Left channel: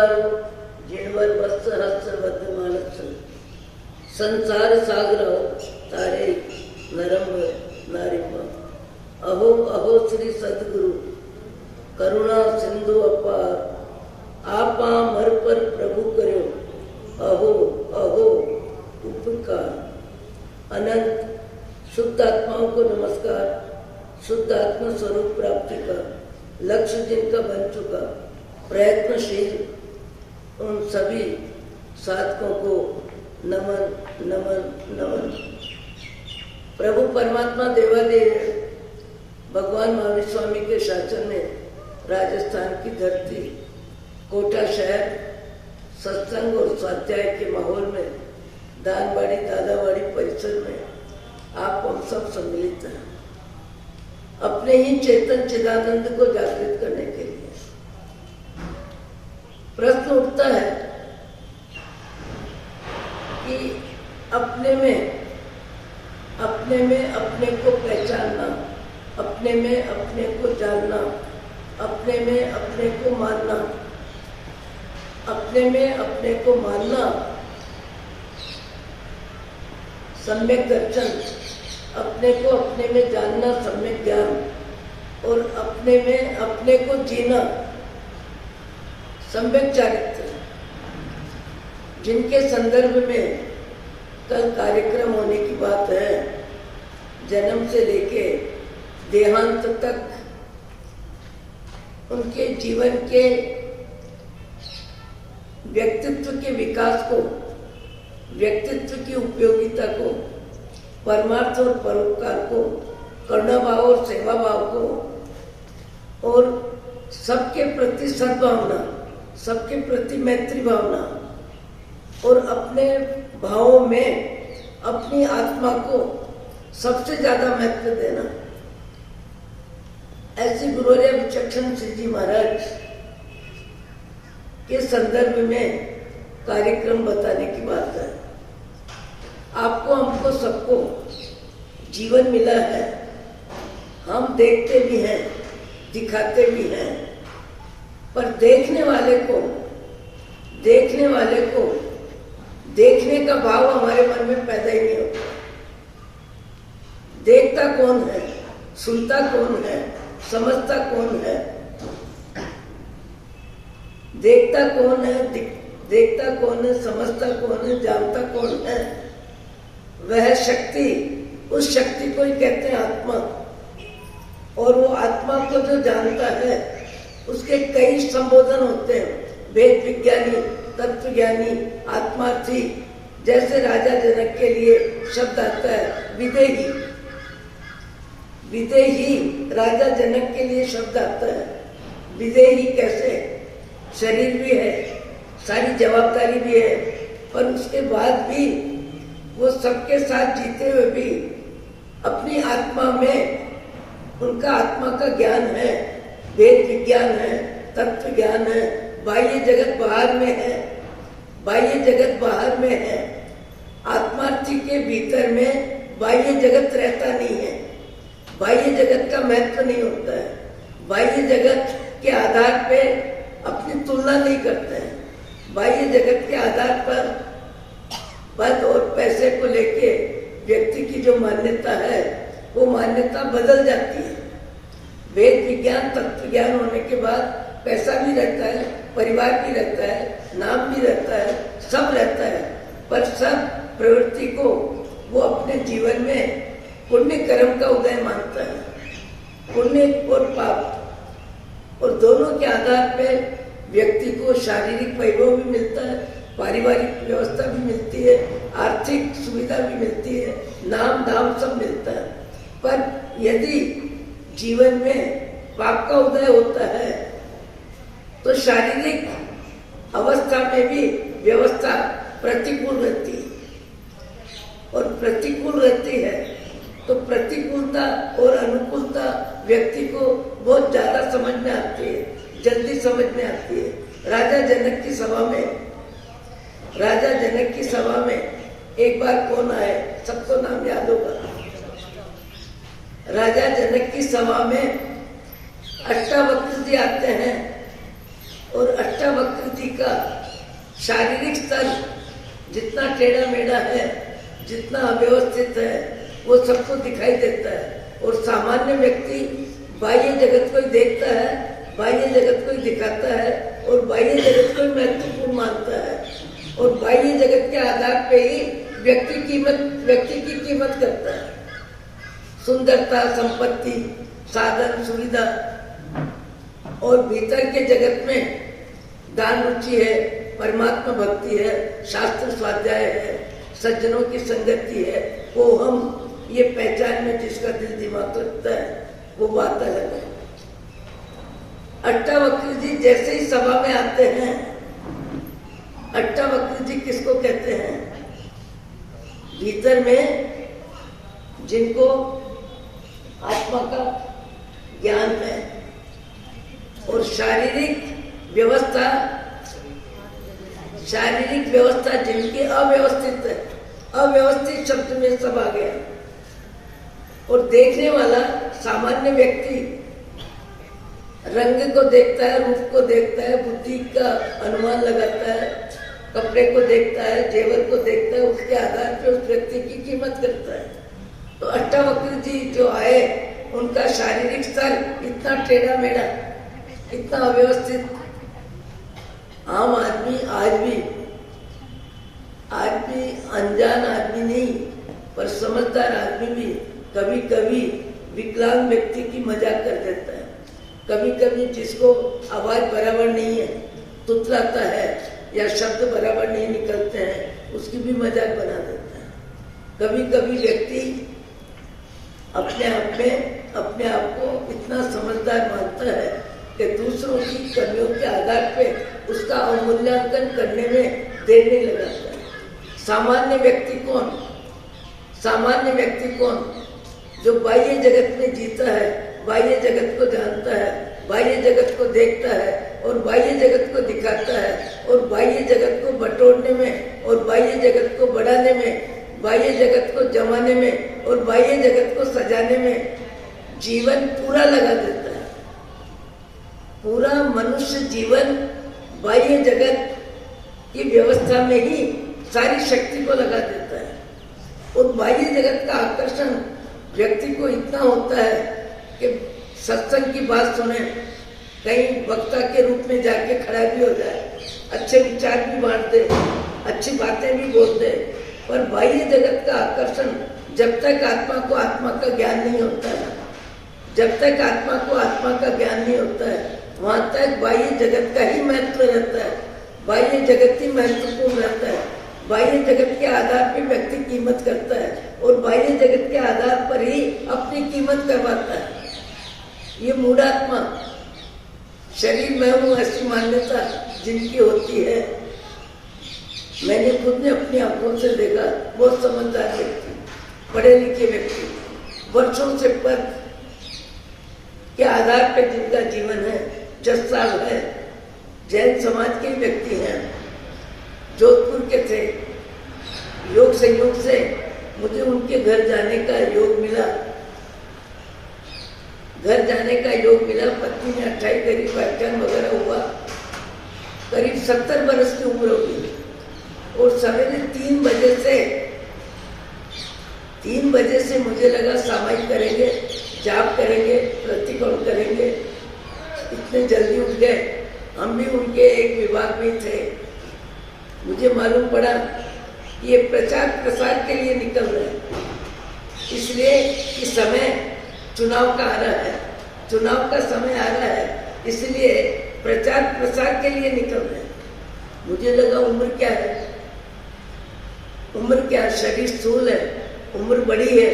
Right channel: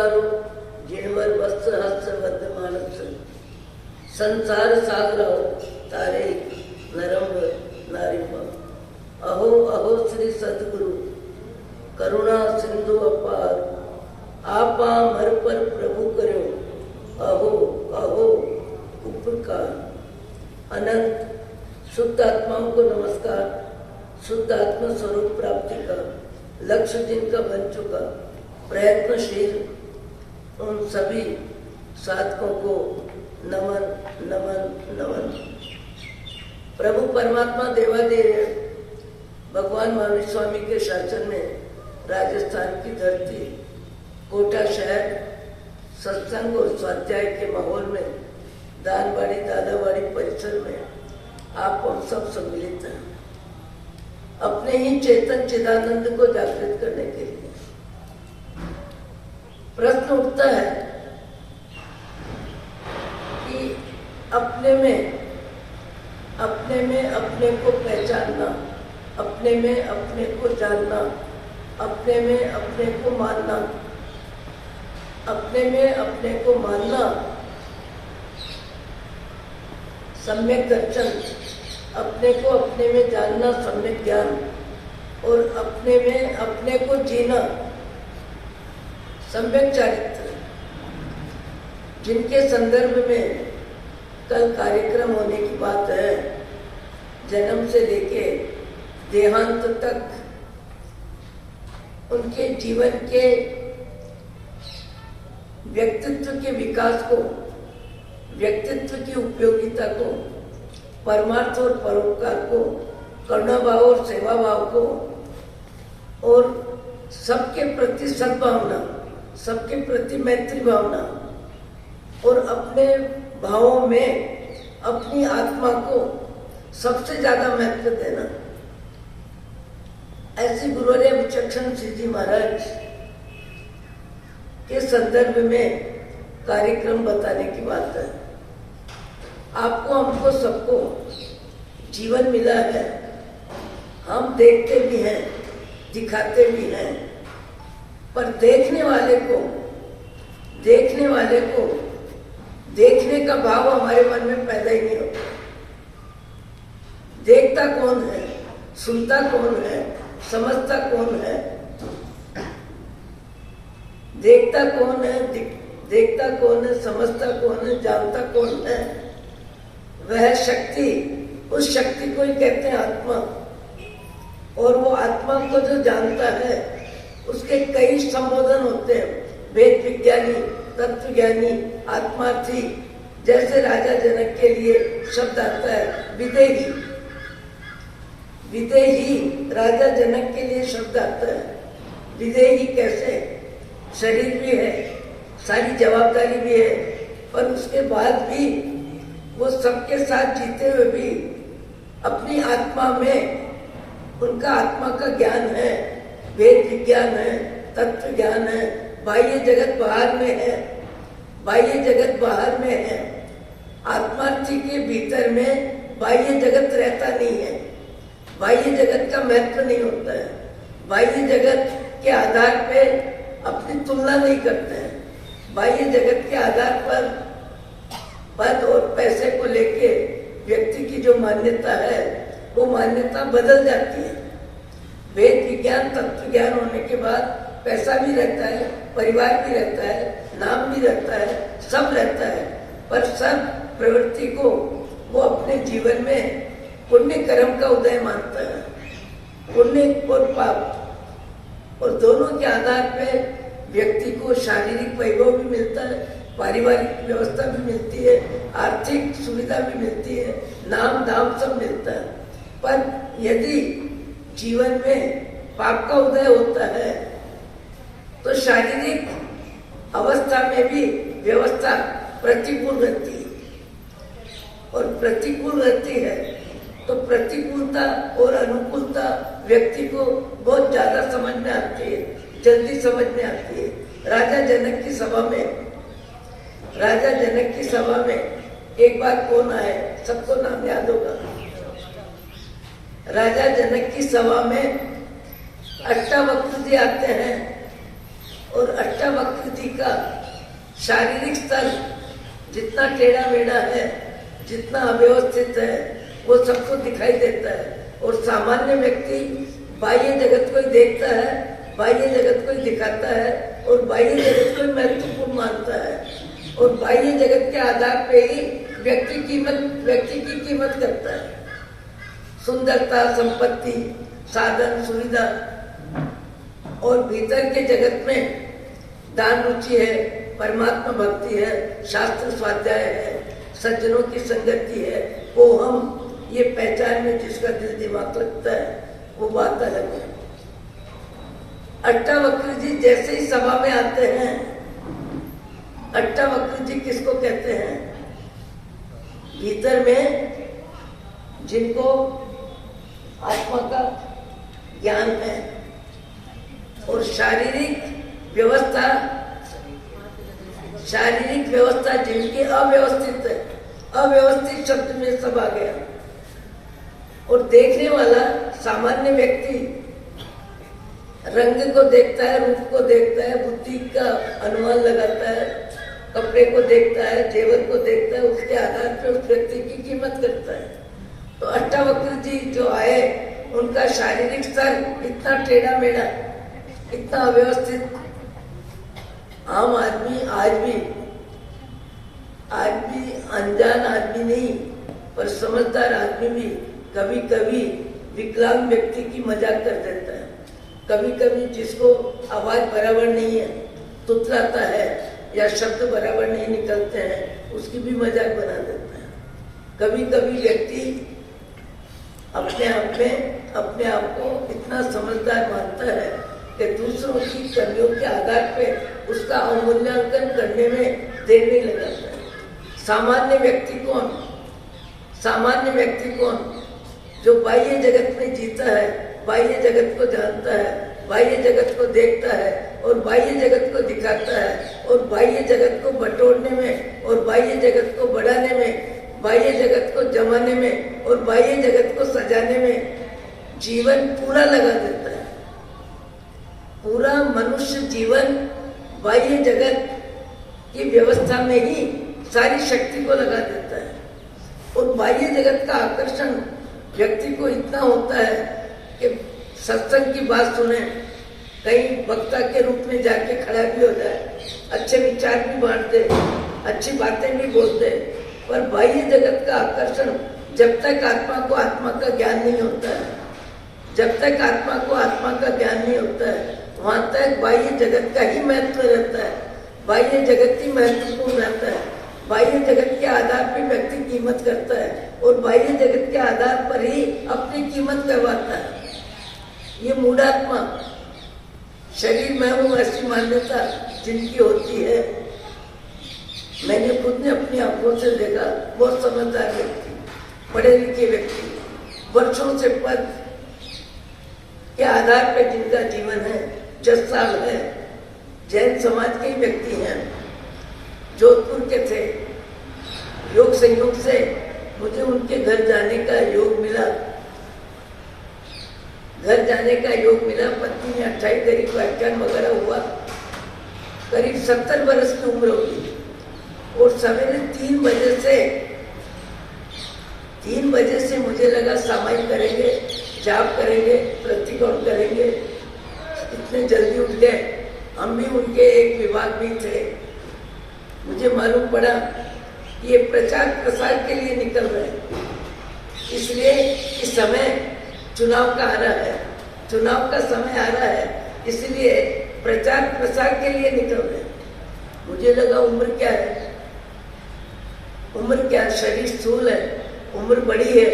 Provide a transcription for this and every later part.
अंगारो जिणवर वस्त्र हस्त बद्ध संसार सागर तारे नरम नारी। अहो अहो श्री सदगुरु करुणा सिंधु अपार, आपा मर पर प्रभु करो अहो अहो उपकार। अनंत शुद्ध आत्माओं को नमस्कार। शुद्ध आत्मा स्वरूप प्राप्ति का लक्ष्य जिनका बन चुका प्रयत्नशील उन सभी साधकों को नमन नमन नमन। प्रभु परमात्मा देवादेव भगवान महावीर स्वामी के शासन में राजस्थान की धरती कोटा शहर सत्संग और स्वाध्याय के माहौल में दानवाड़ी दादावाड़ी परिसर में आप हम सब सम्मिलित हैं अपने ही चेतन चिदानंद को जागृत करने के लिए। प्रश्न उठता है कि अपने में अपने को पहचानना, अपने में अपने को जानना, अपने में अपने को मानना, अपने में अपने को मानना सम्यक दर्शन, अपने को अपने में जानना सम्यक ज्ञान और अपने में अपने को जीना सम्यक चारित्र, जिनके संदर्भ में कल कार्यक्रम होने की बात है। जन्म से लेके देहांत तक उनके जीवन के व्यक्तित्व के विकास को, व्यक्तित्व की उपयोगिता को, परमार्थ और परोपकार को, करुणाभाव और सेवा भाव को और सबके प्रति सद्भावना, सबके प्रति मैत्री भावना और अपने भावों में अपनी आत्मा को सबसे ज्यादा महत्व देना, ऐसी गुरुवर्य विचक्षण श्री जी महाराज के संदर्भ में कार्यक्रम बताने की बात है। आपको हमको सबको जीवन मिला है, हम देखते भी हैं दिखाते भी हैं, पर देखने वाले को देखने का भाव हमारे मन में पैदा ही नहीं होता। देखता कौन है, सुनता कौन है, समझता कौन है, देखता कौन है, समझता कौन है, जानता कौन है, वह शक्ति, उस शक्ति को ही कहते हैं आत्मा। और वो आत्मा को जो जानता है उसके कई संबोधन होते हैं, वेद विज्ञानी, तत्व ज्ञानी, आत्मार्थी। जैसे राजा जनक के लिए शब्द आता है विदेही, विदेही राजा जनक के लिए शब्द आता है। विदेही कैसे? शरीर भी है, सारी जवाबदारी भी है, पर उसके बाद भी वो सबके साथ जीते हुए भी अपनी आत्मा में उनका आत्मा का ज्ञान है, वेद विज्ञान है, तत्व ज्ञान है। बाह्य जगत बाहर में है, बाह्य जगत बाहर में है। आत्मार्थी के भीतर में बाह्य जगत रहता नहीं है, बाह्य जगत का महत्व नहीं होता है। बाह्य जगत के आधार पे अपनी तुलना नहीं करते हैं। बाह्य जगत के आधार पर पद और पैसे को लेके व्यक्ति की जो मान्यता है वो मान्यता बदल जाती है। वेद विज्ञान तत्व ज्ञान होने के बाद पैसा भी रहता है, परिवार भी रहता है, नाम भी रहता है, सब रहता है, पर सब प्रवृत्ति को वो अपने जीवन में पुण्य कर्म का उदय मानता है। पुण्य और पाप और दोनों के आधार पे व्यक्ति को शारीरिक वैभव भी मिलता है, पारिवारिक व्यवस्था भी मिलती है, आर्थिक सुविधा भी मिलती है, नाम दाम सब मिलता है। पर यदि जीवन में पाप का उदय होता है तो शारीरिक अवस्था में भी व्यवस्था प्रतिकूल रहती है, और प्रतिकूल रहती है तो प्रतिकूलता और अनुकूलता व्यक्ति को बहुत ज्यादा समझ में आती है, जल्दी समझ में आती है। राजा जनक की सभा में एक बार कौन आए, सबको नाम याद होगा। राजा जनक की सभा में अष्टावक्र जी आते हैं और अष्टावक्र जी का शारीरिक स्तर जितना टेढ़ा मेढ़ा है, जितना अव्यवस्थित है, वो सबको दिखाई देता है। और सामान्य व्यक्ति बाह्य जगत को ही देखता है, बाह्य जगत को ही दिखाता है और बाह्य जगत को ही महत्वपूर्ण मानता है और बाह्य जगत के आधार पे ही व्यक्ति की कीमत करता है। सुंदरता, संपत्ति, साधन, सुविधा और भीतर के जगत में दान रुचि है, परमात्मा भक्ति है, शास्त्र स्वाध्याय है, सज्जनों की संगति है, वो हम ये पहचान में जिसका दिल दिमाग लगता है वो बात अलग है। अष्टावक्र जी जैसे ही सभा में आते हैं, अष्टावक्र जी किसको कहते हैं? भीतर में जिनको आत्मा का ज्ञान है और शारीरिक व्यवस्था जिनकी अव्यवस्थित है, अव्यवस्थित शब्द में सब आ गया। और देखने वाला सामान्य व्यक्ति रंग को देखता है, रूप को देखता है, बुद्धि का अनुमान लगाता है, कपड़े को देखता है, जेवर को देखता है, उसके आधार पर उस व्यक्ति की कीमत करता है। तो अष्टावक्र जी जो आए, उनका शारीरिक स्तर इतना टेढ़ा मेढ़ा, इतना अव्यवस्थित, आम आदमी आज भी अनजान आदमी नहीं पर समझदार आदमी भी कभी कभी विकलांग व्यक्ति की मजाक कर देता है। कभी कभी जिसको आवाज बराबर नहीं है, तुतलाता है या शब्द बराबर नहीं निकलते हैं, उसकी भी मजाक बना देता है। कभी कभी व्यक्ति अपने आप को इतना समझदार मानता है कि दूसरों की कमियों के आधार पे उसका अवमूल्यांकन करने में देर नहीं लगाता है। सामान्य व्यक्ति कौन? जो बाह्य जगत में जीता है, बाह्य जगत को जानता है, बाह्य जगत को देखता है और बाह्य जगत को दिखाता है और बाह्य जगत को बटोरने में और बाह्य जगत को बढ़ाने में, बाह्य जगत को जमाने में और बाह्य जगत को सजाने में जीवन पूरा लगा देता है। पूरा मनुष्य जीवन बाह्य जगत की व्यवस्था में ही सारी शक्ति को लगा देता है और बाह्य जगत का आकर्षण व्यक्ति को इतना होता है कि सत्संग की बात सुने, कहीं वक्ता के रूप में जाके खड़ा भी हो जाए, अच्छे विचार भी बांटते, अच्छी बातें भी बोलते, पर बाह्य जगत का आकर्षण जब तक आत्मा को आत्मा का ज्ञान नहीं होता है, जब तक आत्मा को आत्मा का ज्ञान नहीं होता है, वहां तक बाह्य जगत का ही महत्व रहता है, बाह्य जगत ही महत्वपूर्ण रहता है। बाह्य जगत के आधार पर व्यक्ति कीमत करता है और बाह्य जगत के आधार पर ही अपनी कीमत करवाता है। ये मूढ़ात्मा, शरीर में हूँ ऐसी मान्यता जिनकी होती है, मैंने खुद ने अपनी आंखों से देखा। बहुत समझदार व्यक्ति, पढ़े लिखे व्यक्ति, वर्षों से पद के आधार पर जिनका जीवन है, 10 साल है, जैन समाज के व्यक्ति हैं, जोधपुर के थे। योग संयोग से मुझे उनके घर जाने का योग मिला। पत्नी ने 28 करीब व्याख्यान वगैरह हुआ, करीब 70 बरस की उम्र होगी और सवेरे 3 बजे से मुझे लगा सामायिक करेंगे, जाप करेंगे, प्रतिकोण करेंगे। इतने जल्दी उठ गए। हम भी उनके एक विभाग में थे। मुझे मालूम पड़ा ये प्रचार प्रसार के लिए निकल रहे हैं, इसलिए कि समय चुनाव का आ रहा है, चुनाव का समय आ रहा है, इसलिए प्रचार प्रसार के लिए निकल रहे हैं। मुझे लगा उम्र क्या है, शरीर स्थूल है, उम्र बड़ी है,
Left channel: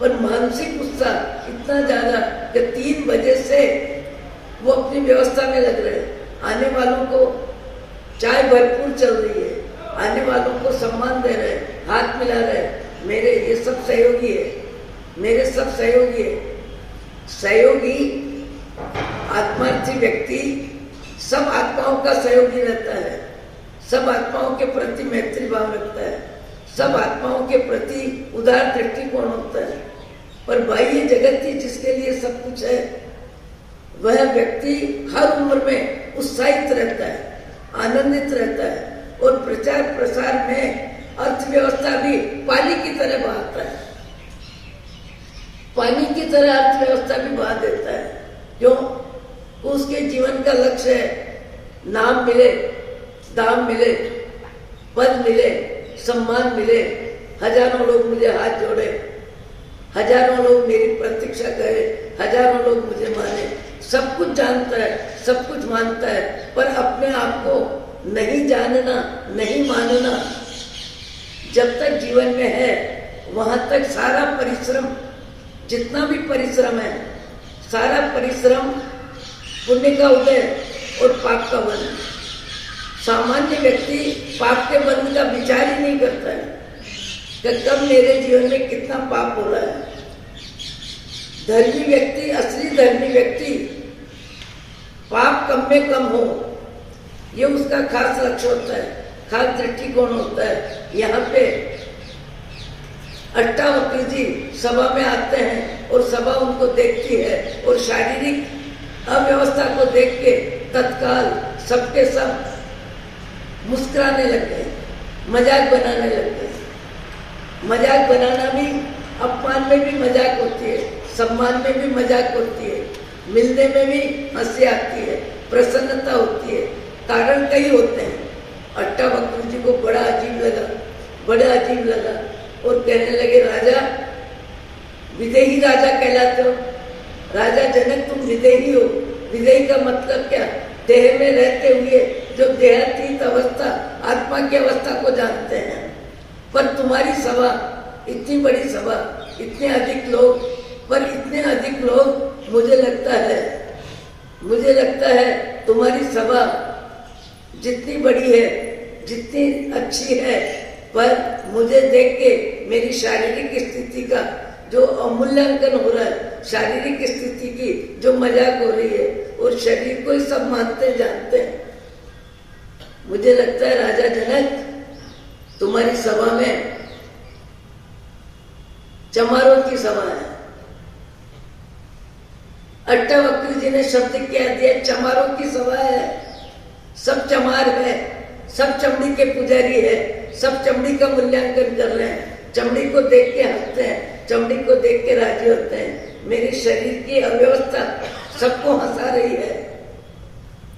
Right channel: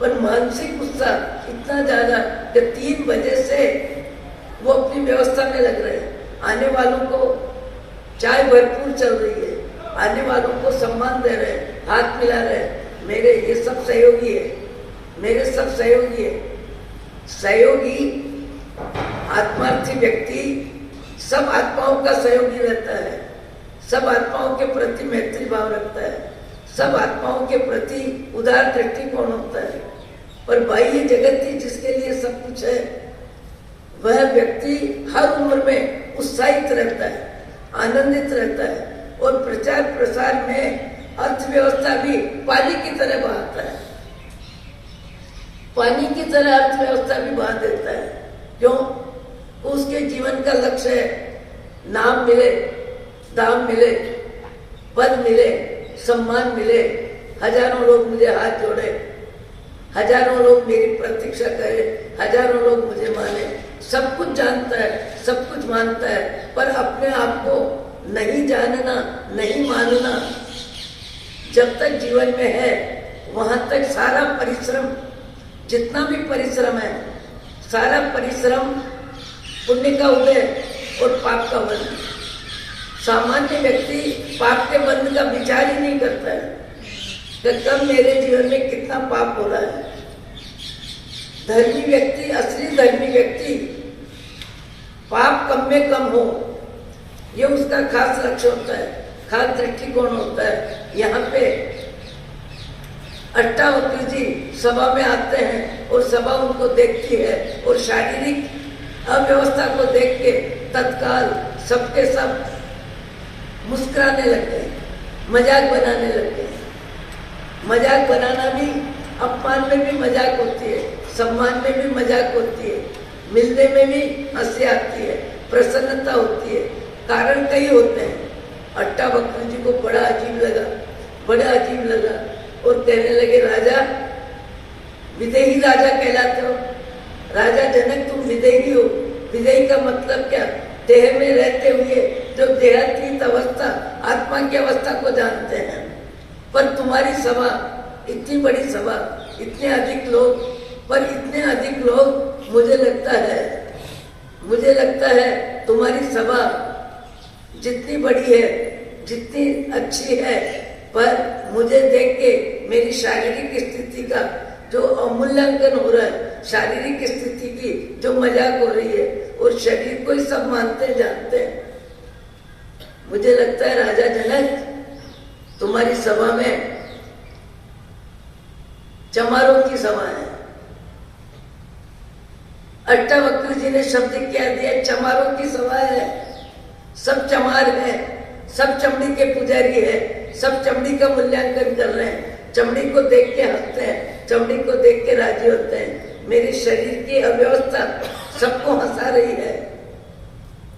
पर मानसिक गुस्सा इतना ज्यादा कि 3 बजे से वो अपनी व्यवस्था में लग रहे हैं। आने वालों को चाय भरपूर चल रही है, आने वालों को सम्मान दे रहे, हाथ मिला रहे, मेरे ये सब सहयोगी है, मेरे सब सहयोगी है। सहयोगी आत्मार्थी व्यक्ति सब आत्माओं का सहयोगी रहता है, सब आत्माओं के प्रति मैत्री भाव रखता है, सब आत्माओं के प्रति उदार दृष्टिकोण होता है। पर बाह्य जगत ही जिसके लिए सब कुछ है, वह व्यक्ति हर उम्र में उत्साहित रहता है, आनंदित रहता है और प्रचार प्रसार में अर्थव्यवस्था भी पानी की तरह बहाता है, पानी की तरह अर्थव्यवस्था भी बहा देता है। क्यों? उसके जीवन का लक्ष्य है नाम मिले, दाम मिले, पद मिले, सम्मान मिले, हजारों लोग मुझे हाथ जोड़े, हजारों लोग मेरी प्रतीक्षा करे, हजारों लोग मुझे माने। सब कुछ जानता है, सब कुछ मानता है, पर अपने आप को नहीं जानना, नहीं मानना जब तक जीवन में है, वहां तक सारा परिश्रम, जितना भी परिश्रम है, सारा परिश्रम पुण्य का उदय और पाप का बंध। सामान्य व्यक्ति पाप के बंध का विचार ही नहीं करता है कि कब मेरे जीवन में कितना पाप हो रहा है। धर्मी व्यक्ति, असली धर्मी व्यक्ति, पाप कम में कम हो, ये उसका खास लक्ष्य होता है, खास दृष्टिकोण होता है। यहाँ पे अट्टावक्र जी सभा में आते हैं और सभा उनको देखती है और शारीरिक अव्यवस्था को देख के तत्काल सबके सब मुस्कुराने लगे, मजाक बनाने लगे। मजाक बनाना भी, अपमान में भी मजाक होती है, सम्मान में भी मजाक होती है, मिलने में भी हंसी आती है, प्रसन्नता होती है। कारण कई होते हैं। अट्टावक्र जी को बड़ा अजीब लगा, बड़ा अजीब लगा और कहने लगे, राजा, विदेही राजा कहलाते हो, राजा जनक तुम विदेही हो। विदेही का मतलब क्या? देह में रहते हुए जो देहातीत अवस्था, आत्मा की अवस्था को जानते हैं। पर तुम्हारी सभा, इतनी बड़ी सभा, इतने अधिक लोग, पर इतने अधिक लोग, मुझे लगता है तुम्हारी सभा जितनी बड़ी है, जितनी अच्छी है, पर मुझे देख के मेरी शारीरिक स्थिति का जो अवमूल्यांकन हो रहा है, शारीरिक स्थिति की जो मजाक हो रही है, और शरीर को ही सब मानते जानते हैं। मुझे लगता है राजा जनक, तुम्हारी सभा में चमारों की सभा है। अट्टावक्र जी ने शब्द क्या दिया? चमारों की सभा है। सब चमार है, सब चमड़ी के पुजारी है, सब चमड़ी का मूल्यांकन कर रहे हैं, चमड़ी को देख के हंसते हैं, चमड़ी को देख के राजी होते हैं। मेरी शरीर की अव्यवस्था सबको हंसा रही है।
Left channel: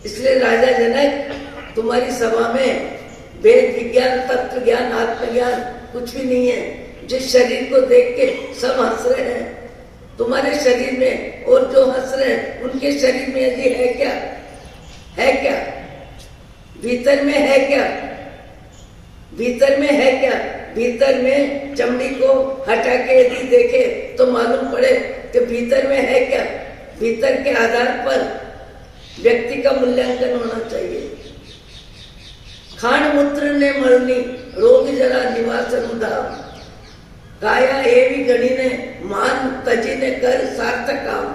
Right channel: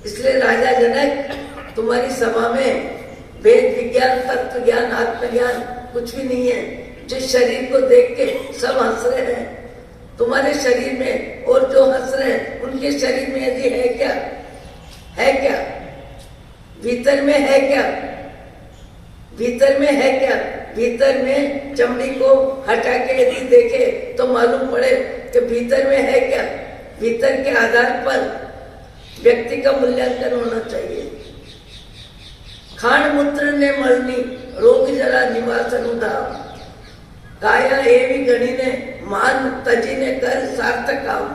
इसलिए राजा जनक, तुम्हारी सभा में वेद विज्ञान, तत्व ज्ञान, आत्मज्ञान कुछ भी नहीं है। जिस शरीर को देख के सब हंस रहे हैं, तुम्हारे शरीर में, और जो हंस रहे हैं उनके शरीर में यदि है क्या? है क्या? भीतर में है क्या? भीतर में है क्या? भीतर में चमड़ी को हटा के यदि देखे तो मालूम पड़े कि भीतर में है क्या। भीतर के आधार पर व्यक्ति का मूल्यांकन होना चाहिए। खाण मूत्र ने मरनी, रोग जरा निवास अनुदान, काया एवं गणी ने मान तजी ने कर सार्थक काम।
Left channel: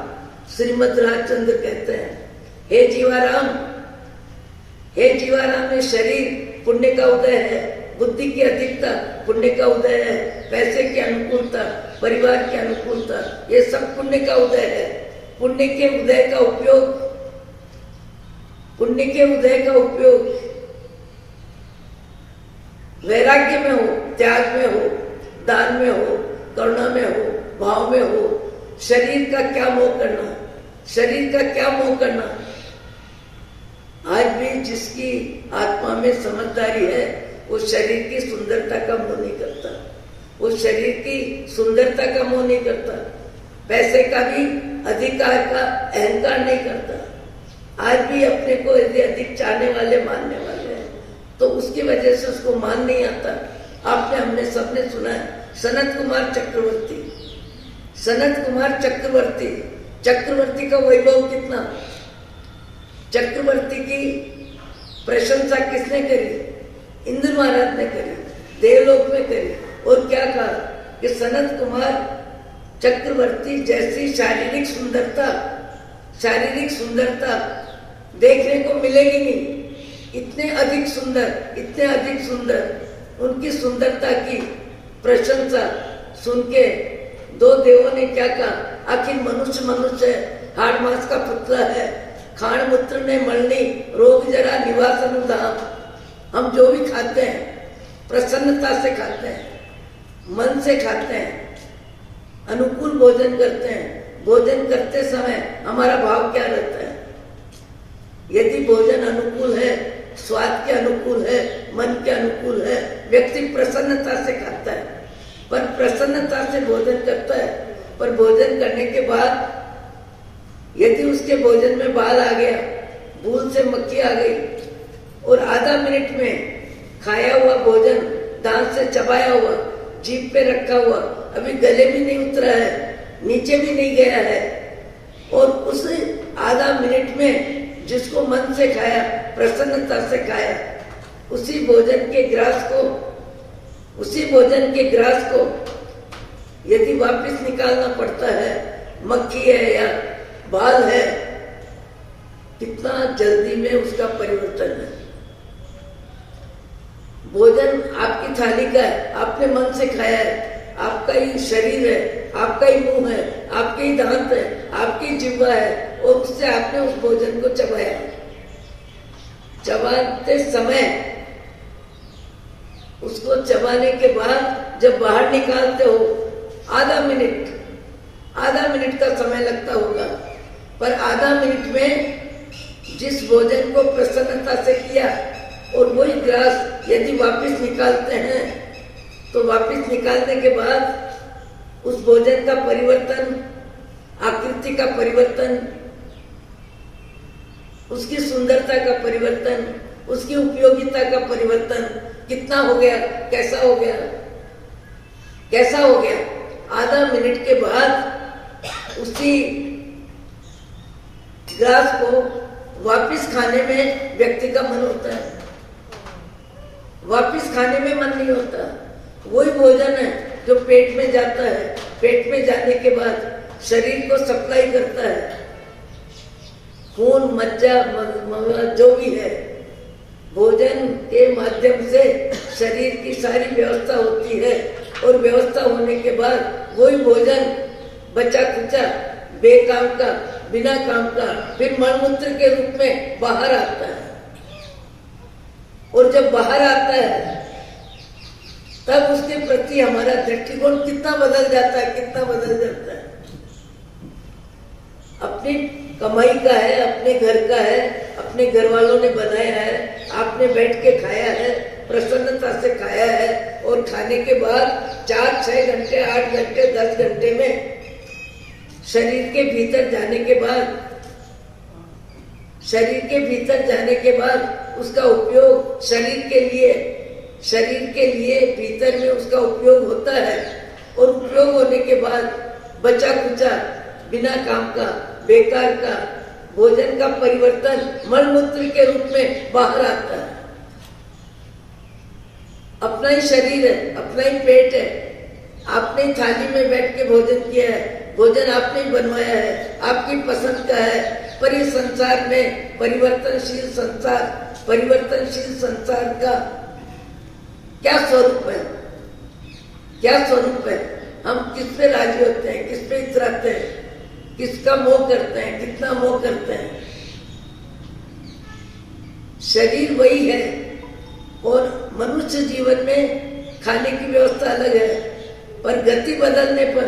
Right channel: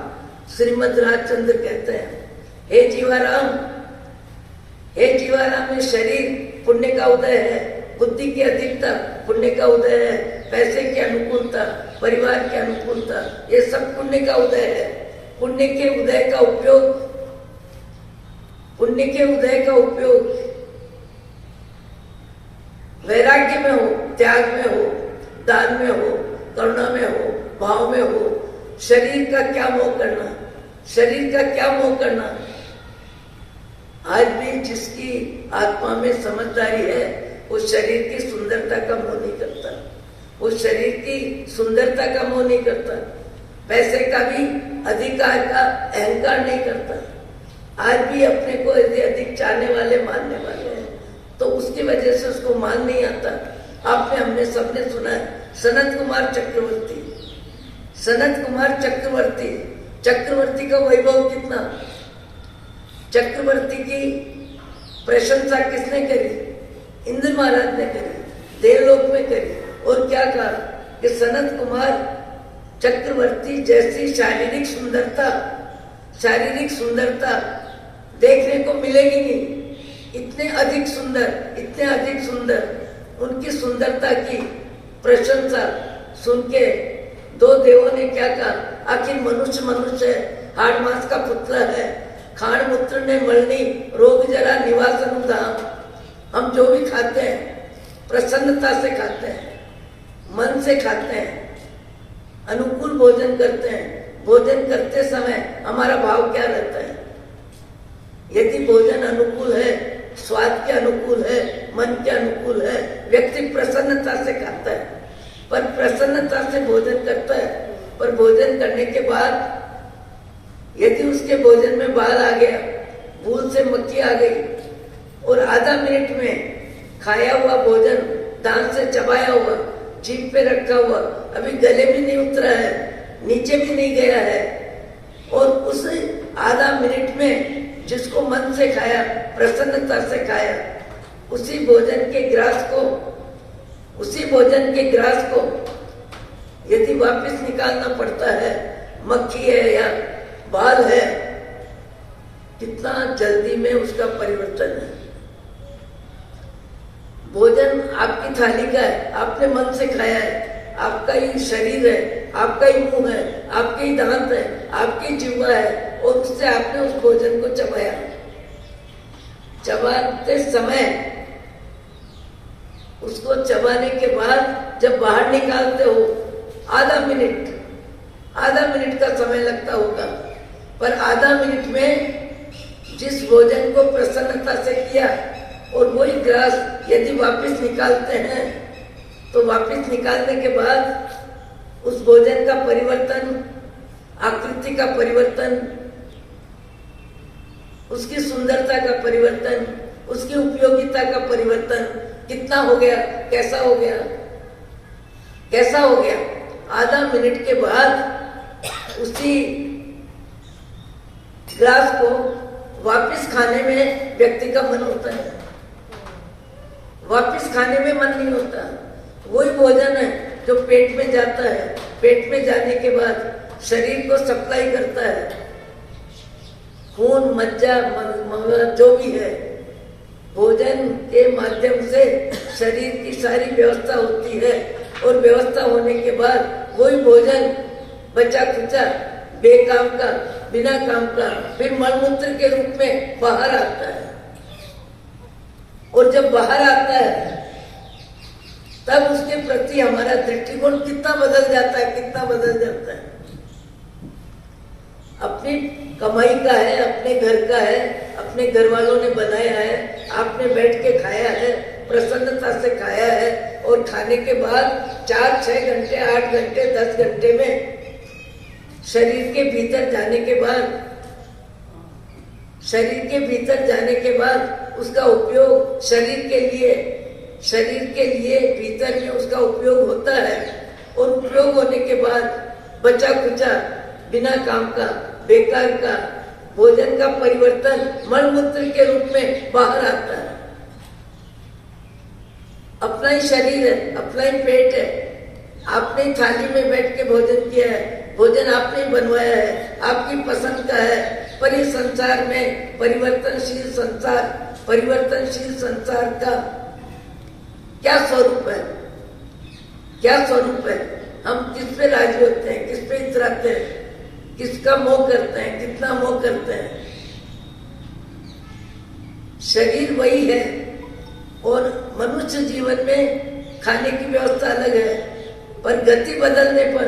श्रीमद राजचंद्र कहते हैं, हे जीवाराम, हे जीवाराम, ये शरीर पुण्य का उदय है, बुद्धि की अधिकता पुण्य का उदय है, पैसे की अनुकूलता, परिवार की अनुकूलता, ये सब पुण्य का उदय है। पुण्य के उदय का उपयोग, पुण्य के उदय का उपयोग वैराग्य में हो, त्याग में हो, दान में हो, करुणा में हो, भाव में हो। शरीर का क्या मोह करना, शरीर का क्या मोह करना। आज भी जिसकी आत्मा में समझदारी है, वो शरीर की सुंदरता का मोह नहीं करता, वो शरीर की सुंदरता का मोह नहीं करता, पैसे का भी, अधिकार का अहंकार नहीं करता। आज भी अपने को यदि अधिक चाहने वाले, मानने वाले हैं, तो उसकी वजह से उसको मान नहीं आता। आपने, हमने सबने सुना है, सनत कुमार चक्रवर्ती, सनत कुमार चक्रवर्ती, चक्रवर्ती का वैभव कितना। चक्रवर्ती की प्रशंसा किसने करी? इंद्र महाराज ने करी, देवलोक में करी। और क्या कहा कि सनत कुमार चक्रवर्ती जैसी शारीरिक सुंदरता, शारीरिक सुंदरता देखने को मिलेगी नहीं। इतने अधिक सुंदर, इतने अधिक सुंदर, उनकी सुंदरता की प्रशंसा सुन के दो देवों ने क्या कहा, आखिर मनुष्य मनुष्य है, हाड़ मांस का पुतला है, खाण मूत्र ने मलनी रोग जरा निवासन धाम। हम जो भी खाते हैं प्रसन्नता से खाते हैं, मन से खाते हैं, अनुकूल भोजन करते हैं। भोजन करते समय हमारा भाव क्या रहता है? यदि भोजन अनुकूल है, स्वाद के अनुकूल है, मन के अनुकूल है, व्यक्ति प्रसन्नता से खाता है। पर प्रसन्नता से भोजन करता है, पर भोजन करने के बाद यदि उसके भोजन में बाल आ गया, भूल से मक्खी आ गई और आधा मिनट में खाया हुआ भोजन दांत से चबाया हुआ, जीभ पे रखा हुआ, अभी गले भी नहीं उतरा है, नीचे भी नहीं गया है, और उस आधा मिनट में जिसको मन से खाया, प्रसन्नता से खाया, उसी भोजन के ग्रास को यदि वापस निकालना पड़ता है, मक्खी है या बाल है, कितना जल्दी में उसका परिवर्तन है। भोजन आपकी थाली का है, आपने मन से खाया है, आपका ही शरीर है, आपका ही मुंह है, आपके ही दांत है, आपकी जिह्वा है, और उससे आपने उस भोजन को चबाया। चबाते समय उसको चबाने के बाद जब बाहर निकालते हो, आधा मिनट का समय लगता होगा, पर आधा मिनट में जिस भोजन को प्रसन्नता से किया और वही ग्रास यदि वापस निकालते हैं, तो वापस निकालने के बाद उस भोजन का परिवर्तन, आकृति का परिवर्तन, उसकी सुंदरता का परिवर्तन, उसकी उपयोगिता का परिवर्तन कितना हो गया, कैसा हो गया? आधा मिनट के बाद उसी ग्रास को वापस खाने में व्यक्ति का मन होता है, वापस खाने में मन नहीं होता। वही भोजन है जो पेट में जाता है, पेट में जाने के बाद शरीर को सप्लाई करता है, खून, मज्जा, मवा जो भी है, भोजन के माध्यम से शरीर की सारी व्यवस्था होती है, और व्यवस्था होने के बाद वही भोजन बचा खुचा, बेकाम का, बिना काम का, फिर मलमूत्र के रूप में बाहर आता है। और जब बाहर आता है तब उसके प्रति हमारा दृष्टिकोण कितना बदल जाता है। अपनी कमाई का है, अपने घर का है, अपने घर वालों ने बनाया है, आपने बैठ के खाया है, प्रसन्नता से खाया है, और खाने के बाद 4-6 घंटे, 8 घंटे, 10 घंटे में शरीर के भीतर जाने के बाद उसका उपयोग शरीर के लिए भीतर में उसका उपयोग होता है, और उपयोग होने के बाद बचा खुचा, बिना काम का, बेकार का भोजन का परिवर्तन मलमूत्र के रूप में बाहर आता है। अपना ही शरीर है, अपना ही पेट है, आपने थाली में बैठ के भोजन किया है, भोजन आपने बनवाया है, आपकी पसंद का है, पर इस संसार में परिवर्तनशील संसार का क्या स्वरूप है? हम किस पे राजी होते हैं, किस पे इतराते हैं, किसका मोह करते हैं, कितना मोह करते हैं? शरीर वही है, और मनुष्य जीवन में खाने की व्यवस्था अलग है, पर गति बदलने पर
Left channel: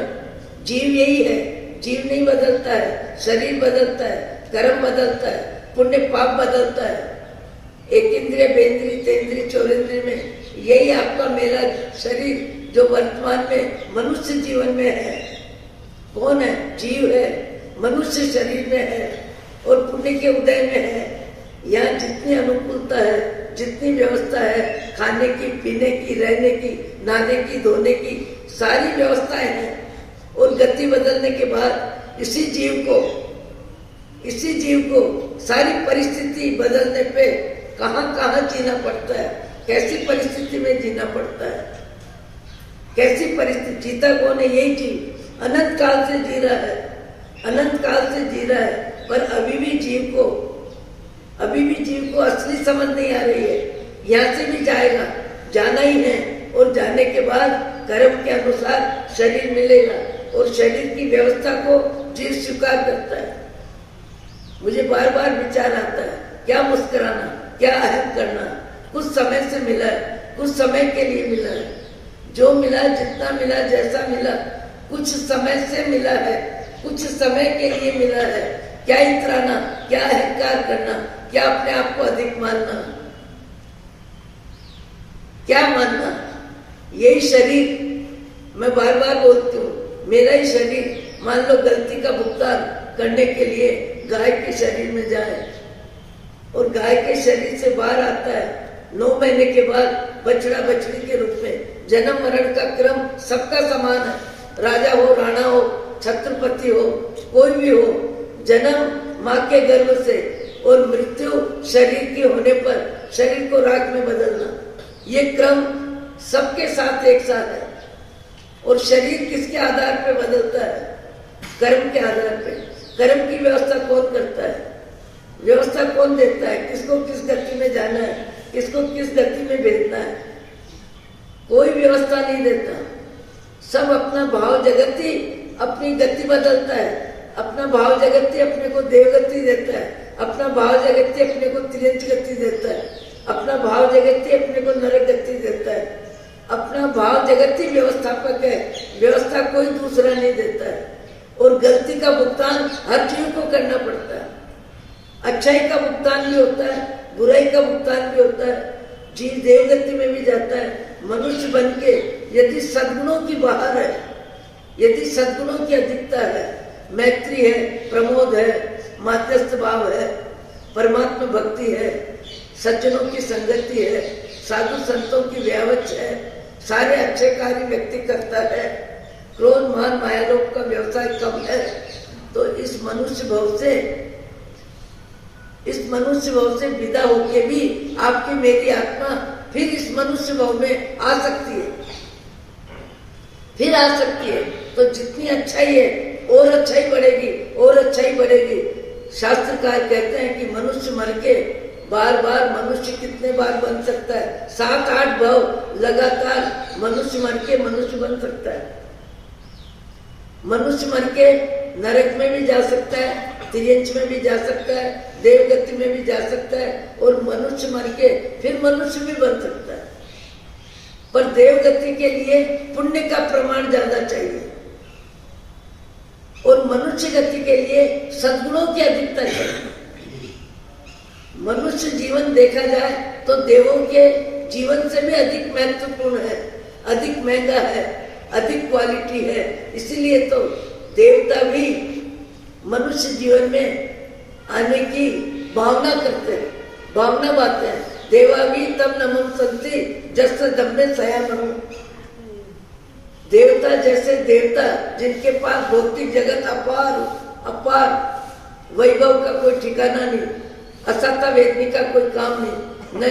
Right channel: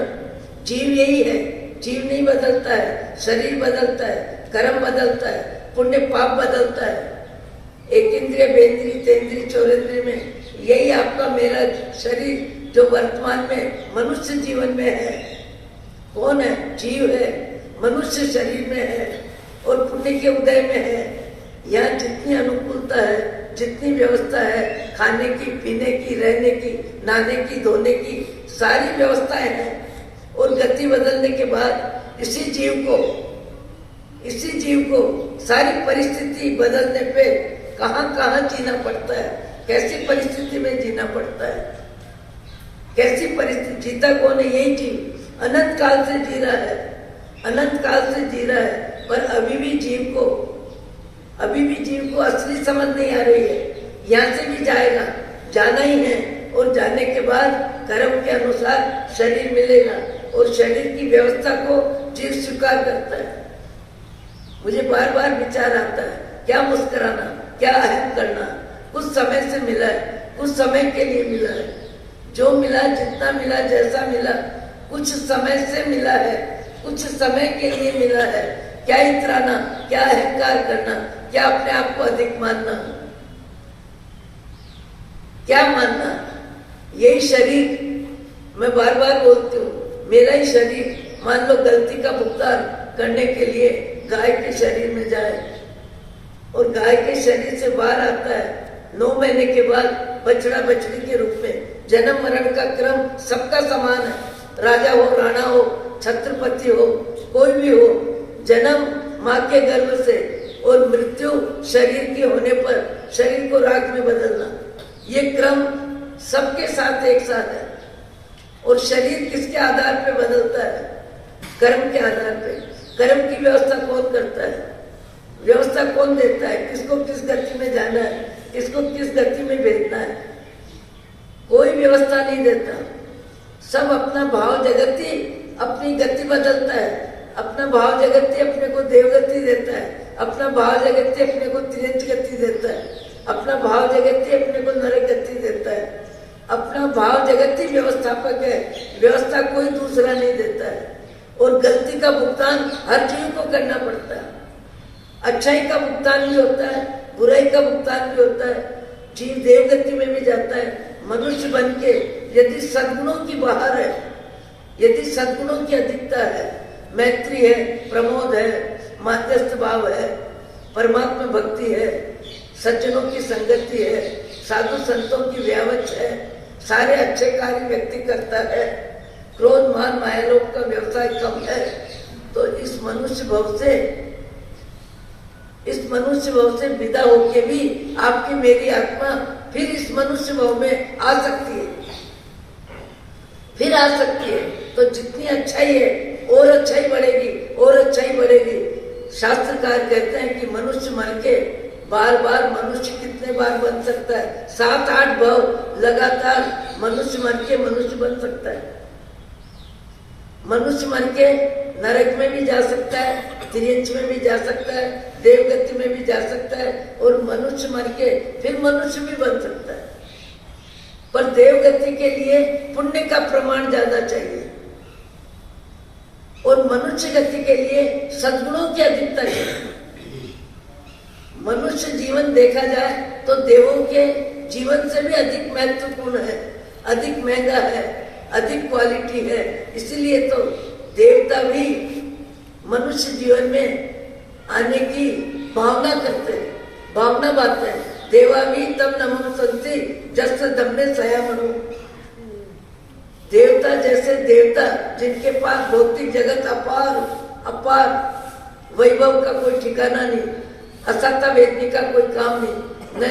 जीव यही है, जीव नहीं बदलता है, शरीर बदलता है, कर्म बदलता है, पुण्य पाप बदलता है। एक इंद्रिय, बेंद्रिय, तेंद्रिय, चौरेंद्रिय में यही आपका मेरा शरीर जो वर्तमान में मनुष्य जीवन में है, कौन है? जीव है, मनुष्य शरीर में है, और पुण्य के उदय में है। यहाँ जितनी अनुकूलता है, जितनी व्यवस्था है, खाने की, पीने की, रहने की, नहाने की, धोने की, सारी व्यवस्थाएं हैं। और गति बदलने के बाद इसी जीव को सारी परिस्थिति बदलने पे कहाँ जीना पड़ता है, कैसी परिस्थिति में जीना पड़ता है, कैसी परिस्थिति जीता कौन है? यही जीव अनंत काल से जी रहा है, पर अभी भी जीव को असली समझ नहीं आ रही है। यहाँ से भी जाना ही है, और जाने के बाद कर्म के अनुसार शरीर मिलेगा, और शरीर की व्यवस्था को जीव स्वीकार करता है। मुझे बार बार विचार आता है, क्या मुस्कुराना, क्या अहम करना, कुछ समय से मिला है, कुछ समय के लिए मिला है, जो मिला, जितना मिला, जैसा मिला, कुछ समय से मिला है, कुछ समय के लिए मिला है। क्या इतराना, क्या अहंकार करना, क्या अपने आप को अधिक मानना, क्या मानना। यही शरीर, मैं बार बार बोलती हूँ, मेरा ही शरीर मान लो गलती का भुगतान करने के लिए गाय के शरीर में जाए और गाय के शरीर से बाहर आता है 9 महीने के बाद बछड़ा बछड़ी के रूप में। जन्म मरण का क्रम सबका समान है, राजा हो, राणा हो, छत्रपति हो, कोई भी हो। जन्म माँ के गर्भ से और मृत्यु शरीर की होने पर शरीर को राख में बदलना, ये क्रम सबके साथ एक साथ है। और शरीर किसके आधार पे बदलता है? कर्म के आधार पे। कर्म की व्यवस्था कौन करता है? व्यवस्था कौन देता है? किसको किस गति में जाना है, किसको किस गति में भेजना है? कोई व्यवस्था नहीं देता। सब अपना भाव जगत ही अपनी गति बदलता है। अपना भाव जगत ही अपने को देवगति देता है, अपना भाव जगत ही अपने को त्रियंच गति देता है, अपना भाव जगत ही अपने को नरक गति देता है। अपना भाव जगत ही व्यवस्थापक है, व्यवस्था कोई दूसरा नहीं देता है। और गलती का भुगतान हर जीव को करना पड़ता है। अच्छाई का भुगतान भी होता है, बुराई का भुगतान भी होता है। जीव देवगति में भी जाता है। मनुष्य बन के यदि सद्गुणों की बहार है, यदि सद्गुणों की अधिकता है, मैत्री है, प्रमोद है, माध्यस्थ भाव है, परमात्मा भक्ति है, सज्जनों की संगति है, साधु संतों की व्यावच है, सारे अच्छे कार्य व्यक्ति करता है, क्रोध मान माया लोभ का व्यवसाय कम है, तो इस मनुष्य भव से विदा होके भी आपकी मेरी आत्मा फिर इस मनुष्य भव में आ सकती है, फिर आ सकती है। तो जितनी अच्छाई है और अच्छाई बढ़ेगी, और अच्छाई बढ़ेगी। शास्त्रकार कहते हैं कि मनुष्य मर के बार बार मनुष्य कितने बार बन सकता है? 7-8 भव लगातार मनुष्य मर के मनुष्य बन सकता है। मनुष्य मर के नरक में भी जा सकता है, त्रियंच में भी जा सकता है, देवगति में भी जा सकता है, और मनुष्य मर के फिर मनुष्य भी बन सकता है। पर देवगति के लिए पुण्य का प्रमाण ज्यादा चाहिए, और मनुष्य गति के लिए सद्गुणों की अधिकता चाहिए। मनुष्य जीवन देखा जाए तो देवों के जीवन से भी अधिक महत्वपूर्ण है, अधिक महंगा है, अधिक क्वालिटी है। इसलिए तो देवता भी मनुष्य जीवन में आने की भावना करते हैं, भावना बात है। देवा भी तब नमन संति जस दमने सयामनु। देवता जैसे देवता जिनके पास भौतिक जगत अपार वैभव का कोई ठिकाना नहीं, असत्ता वेदनी का कोई काम नहीं, न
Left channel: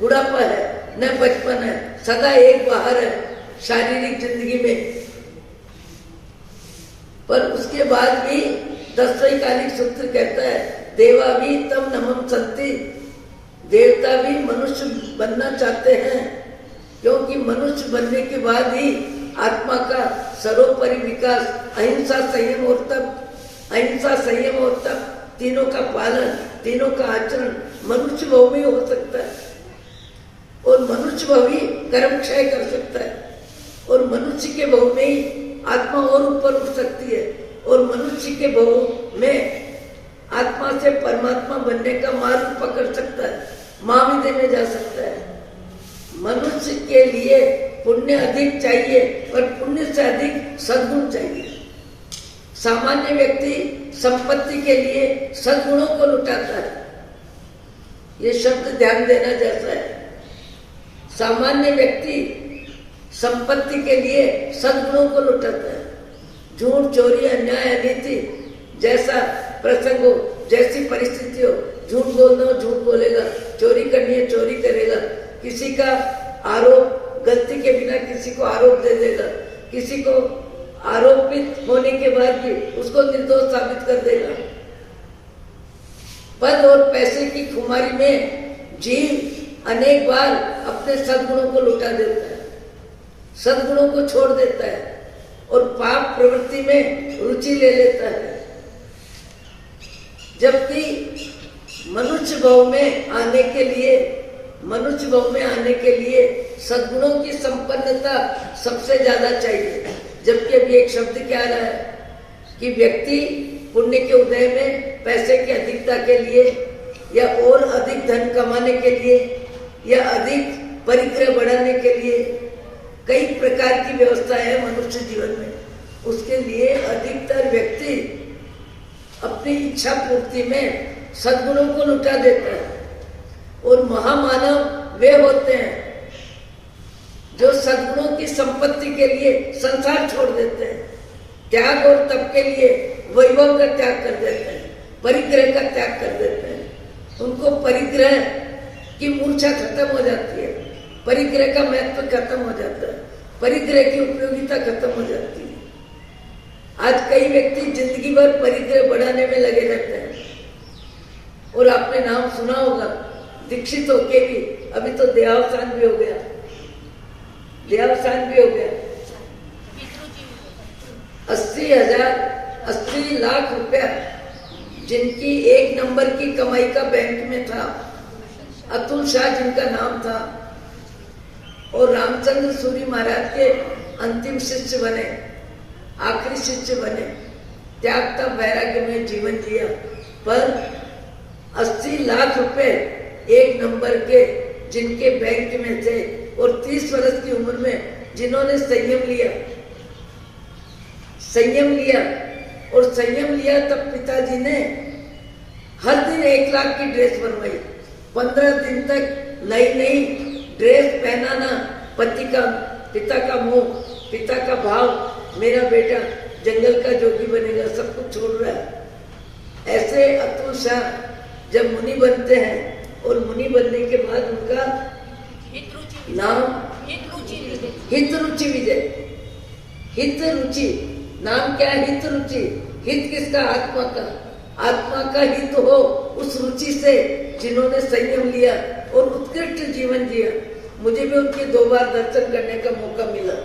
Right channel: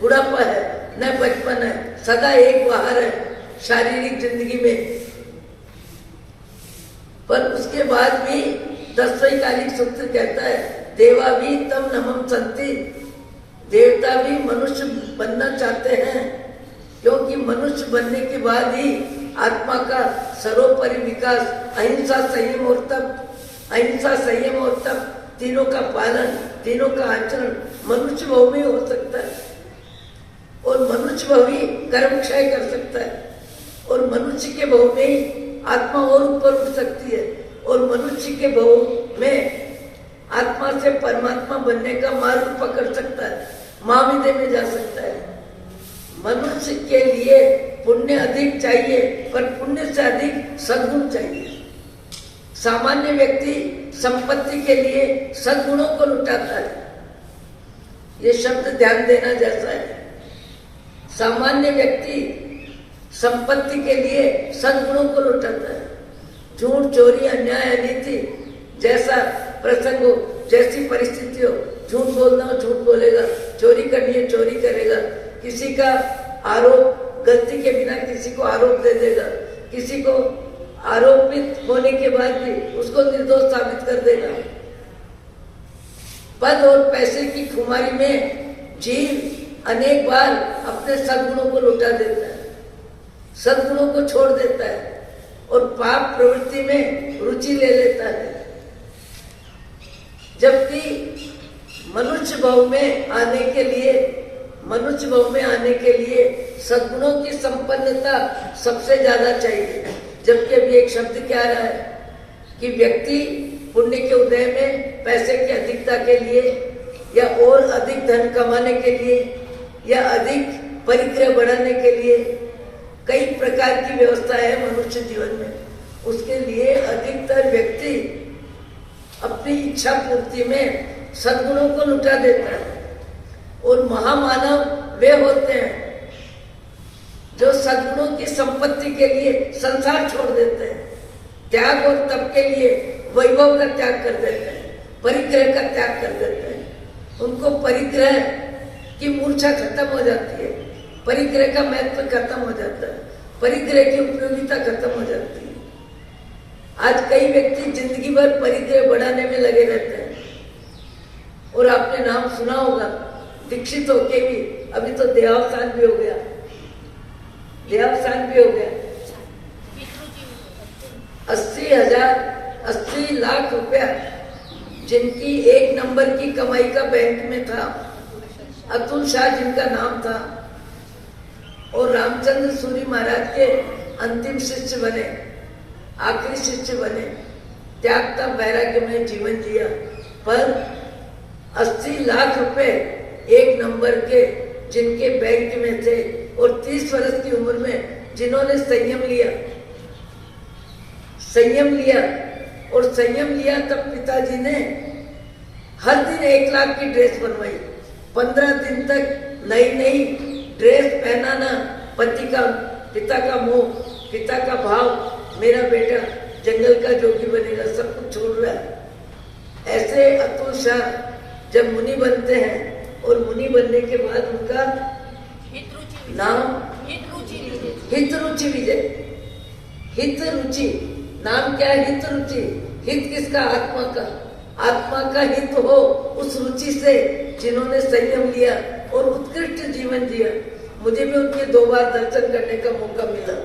बुढ़ापा है, न बचपन है, सदा एक बाहर है शारीरिक जिंदगी में। पर उसके बाद भी दस्तकालिक सूत्र कहता है, देवा भी तब नमन संति। देवता भी मनुष्य बनना चाहते हैं, क्योंकि मनुष्य बनने के बाद ही आत्मा का सर्वोपरि विकास, अहिंसा संयम और तप, तीनों का पालन, तीनों का आचरण मनुष्य भव में हो सकता है। और मनुष्य भव ही कर्म क्षय कर सकता है, और मनुष्य के भव में ही आत्मा और ऊपर उठ सकती है, और मनुष्य के भव में आत्मा से परमात्मा बनने का मार्ग पकड़ सकता है, महाविद्या में जा सकता है। मनुष्य के लिए पुण्य अधिक चाहिए, पर पुण्य से अधिक सद्गुण चाहिए। सामान्य व्यक्ति संपत्ति के लिए सद्गुणों को लुटाता है। ये शब्द ध्यान देना जैसा है। सामान्य व्यक्ति संपत्ति के लिए सद्गुणों को लुटाता है। झूठ, चोरी, अन्याय, अनीति जैसा प्रसंग हो, जैसी परिस्थिति हो, झूठ बोलना हो झूठ बोलेगा, चोरी करनी है चोरी करेगा, किसी का आरोप गलती के बिना किसी को आरोप दे देगा, किसी को आरोपित होने के बाद भी उसको निर्दोष साबित कर देगा। पद और पैसे की खुमारी में जीव अनेक बार अपने सद्गुणों को लुटा देता है, सद्गुणों को छोड़ देता है, और पाप प्रवृत्ति में रुचि ले लेता है। जबकि मनुष्य भाव में आने के लिए सद्गुणों की संपन्नता सबसे ज्यादा चाहिए। जबकि अभी एक शब्द क्या रहा है कि व्यक्ति पुण्य के उदय में पैसे की अधिकता के लिए या और अधिक धन कमाने के लिए या अधिक परिग्रह बढ़ाने के लिए कई प्रकार की व्यवस्था है मनुष्य जीवन में। उसके लिए अधिकतर व्यक्ति अपनी इच्छा पूर्ति में सद्गुणों को लुटा देता है। और महामानव वे होते हैं जो सद्गुणों की संपत्ति के लिए संसार छोड़ देते हैं, त्याग और तप के लिए वैभव का त्याग कर देते हैं, परिग्रह का त्याग कर देते हैं। उनको परिग्रह की मूर्छा खत्म हो जाती है, परिग्रह का महत्व खत्म हो जाता है, परिग्रह की उपयोगिता खत्म हो जाती है। आज कई व्यक्ति जिंदगी भर परिग्रह बढ़ाने में लगे रहते हैं। और आपने नाम सुना होगा दीक्षित होके भी अभी तो देहावसान भी हो गया, 80 लाख रुपया जिनकी एक नंबर की कमाई का बैंक में था, अतुल शाह जिनका नाम था, और रामचंद्र सूरी महाराज के अंतिम शिष्य बने, आखिरी शिष्य बने, त्यागता वैराग्य में जीवन जिया। पर 80 लाख रुपए एक नंबर के जिनके बैंक में थे और 30 वर्ष की उम्र में जिन्होंने संयम लिया, तब पिताजी ने हर दिन 1 लाख की ड्रेस बनवाई। 15 दिन तक नई ड्रेस पहनाना, पिता का मोह, पिता का भाव, मेरा बेटा जंगल का जोगी बनेगा, सब कुछ छोड़ रहा है। ऐसे अतुल शाह जब मुनि बनते हैं और मुनि बनने के बाद उनका नाम हितरुचि विजय। हितरुचि नाम क्या है? हितरुचि। हित किसका? आत्मा का हित हो उस रुचि से जिन्होंने संयम लिया और उत्कृष्ट जीवन जिया। मुझे भी उनके 2 बार दर्शन करने का मौका मिला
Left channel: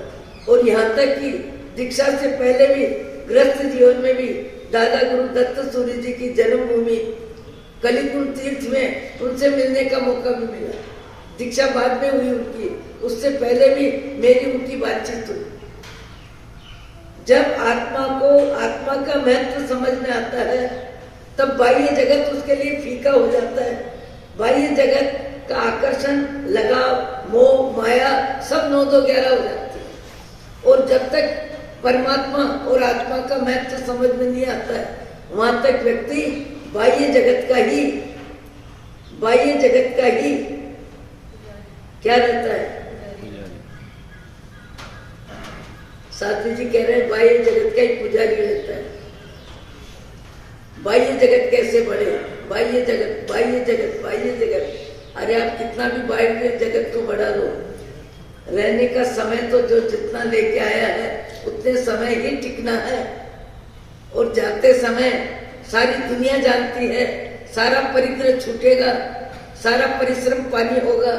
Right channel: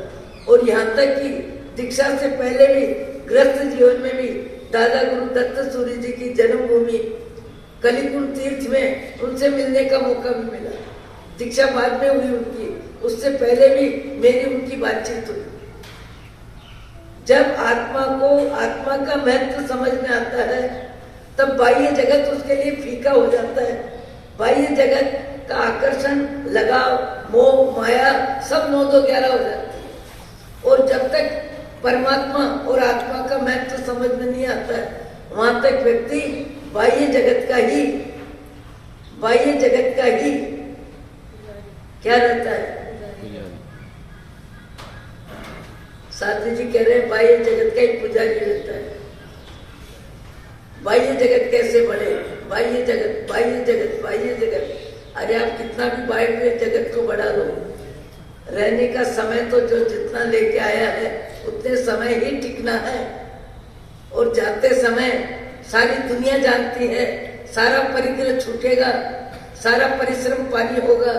और यहाँ तक कि दीक्षा से पहले भी गृहस्थ जीवन में भी दादा गुरु दत्त सूरी जी की जन्मभूमि कलिकुंड तीर्थ में उनसे मिलने का मौका भी मिला। दीक्षा बाद में हुई उनकी, उससे पहले भी मेरी उनकी बातचीत हुई। जब आत्मा का महत्व समझ में आता है तब बाह्य जगत उसके लिए फीका हो जाता है। बाह्य जगत का आकर्षण, लगाव, मोह, माया सब 9 2 11 हो जाती है। और जब तक परमात्मा और आत्मा का महत्व समझ में नहीं आता है वहां तक व्यक्ति बाह्य जगत का ही क्या रहता है? साथी जी कह रहे हैं बाह्य जगत का ही पुजारी रहता है। बाह्य जगत कैसे बढ़े? बाह्य जगत। अरे आप कितना भी बाह्य जगत को बढ़ा लो, रहने का समय तो जो जितना लेके आया है उतने समय ही टिकना है। और जाते समय सारी दुनिया जानती है, सारा परिग्रह छूटेगा, सारा परिश्रम पानी होगा,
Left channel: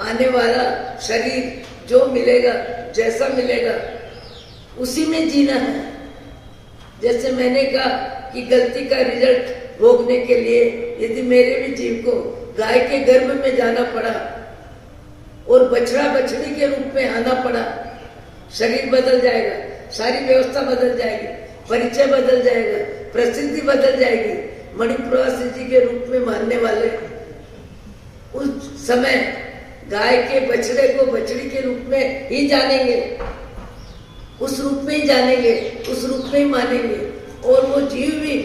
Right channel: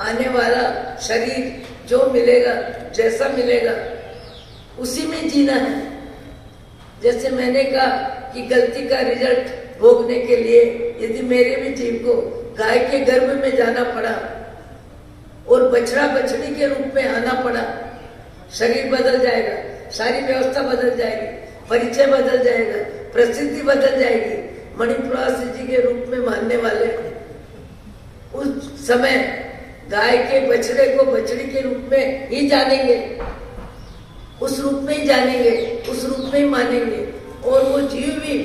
आने वाला शरीर जो मिलेगा, जैसा मिलेगा उसी में जीना है। जैसे मैंने कहा कि गलती का रिजल्ट भोगने के लिए यदि मेरे भी जीव को गाय के गर्भ में जाना पड़ा और बछड़ा बछड़ी के रूप में आना पड़ा, शरीर बदल जाएगा, सारी व्यवस्था बदल जाएगी, परिचय बदल जाएगा, प्रसिद्धि बदल जाएगी। मणिप्रवासी जी के रूप में मानने वाले उस समय गाय के बछड़े को बछड़ी के रूप में ही जानेंगे, उस रूप में ही जानेंगे, उस रूप में ही मानेंगे। और वो जीव भी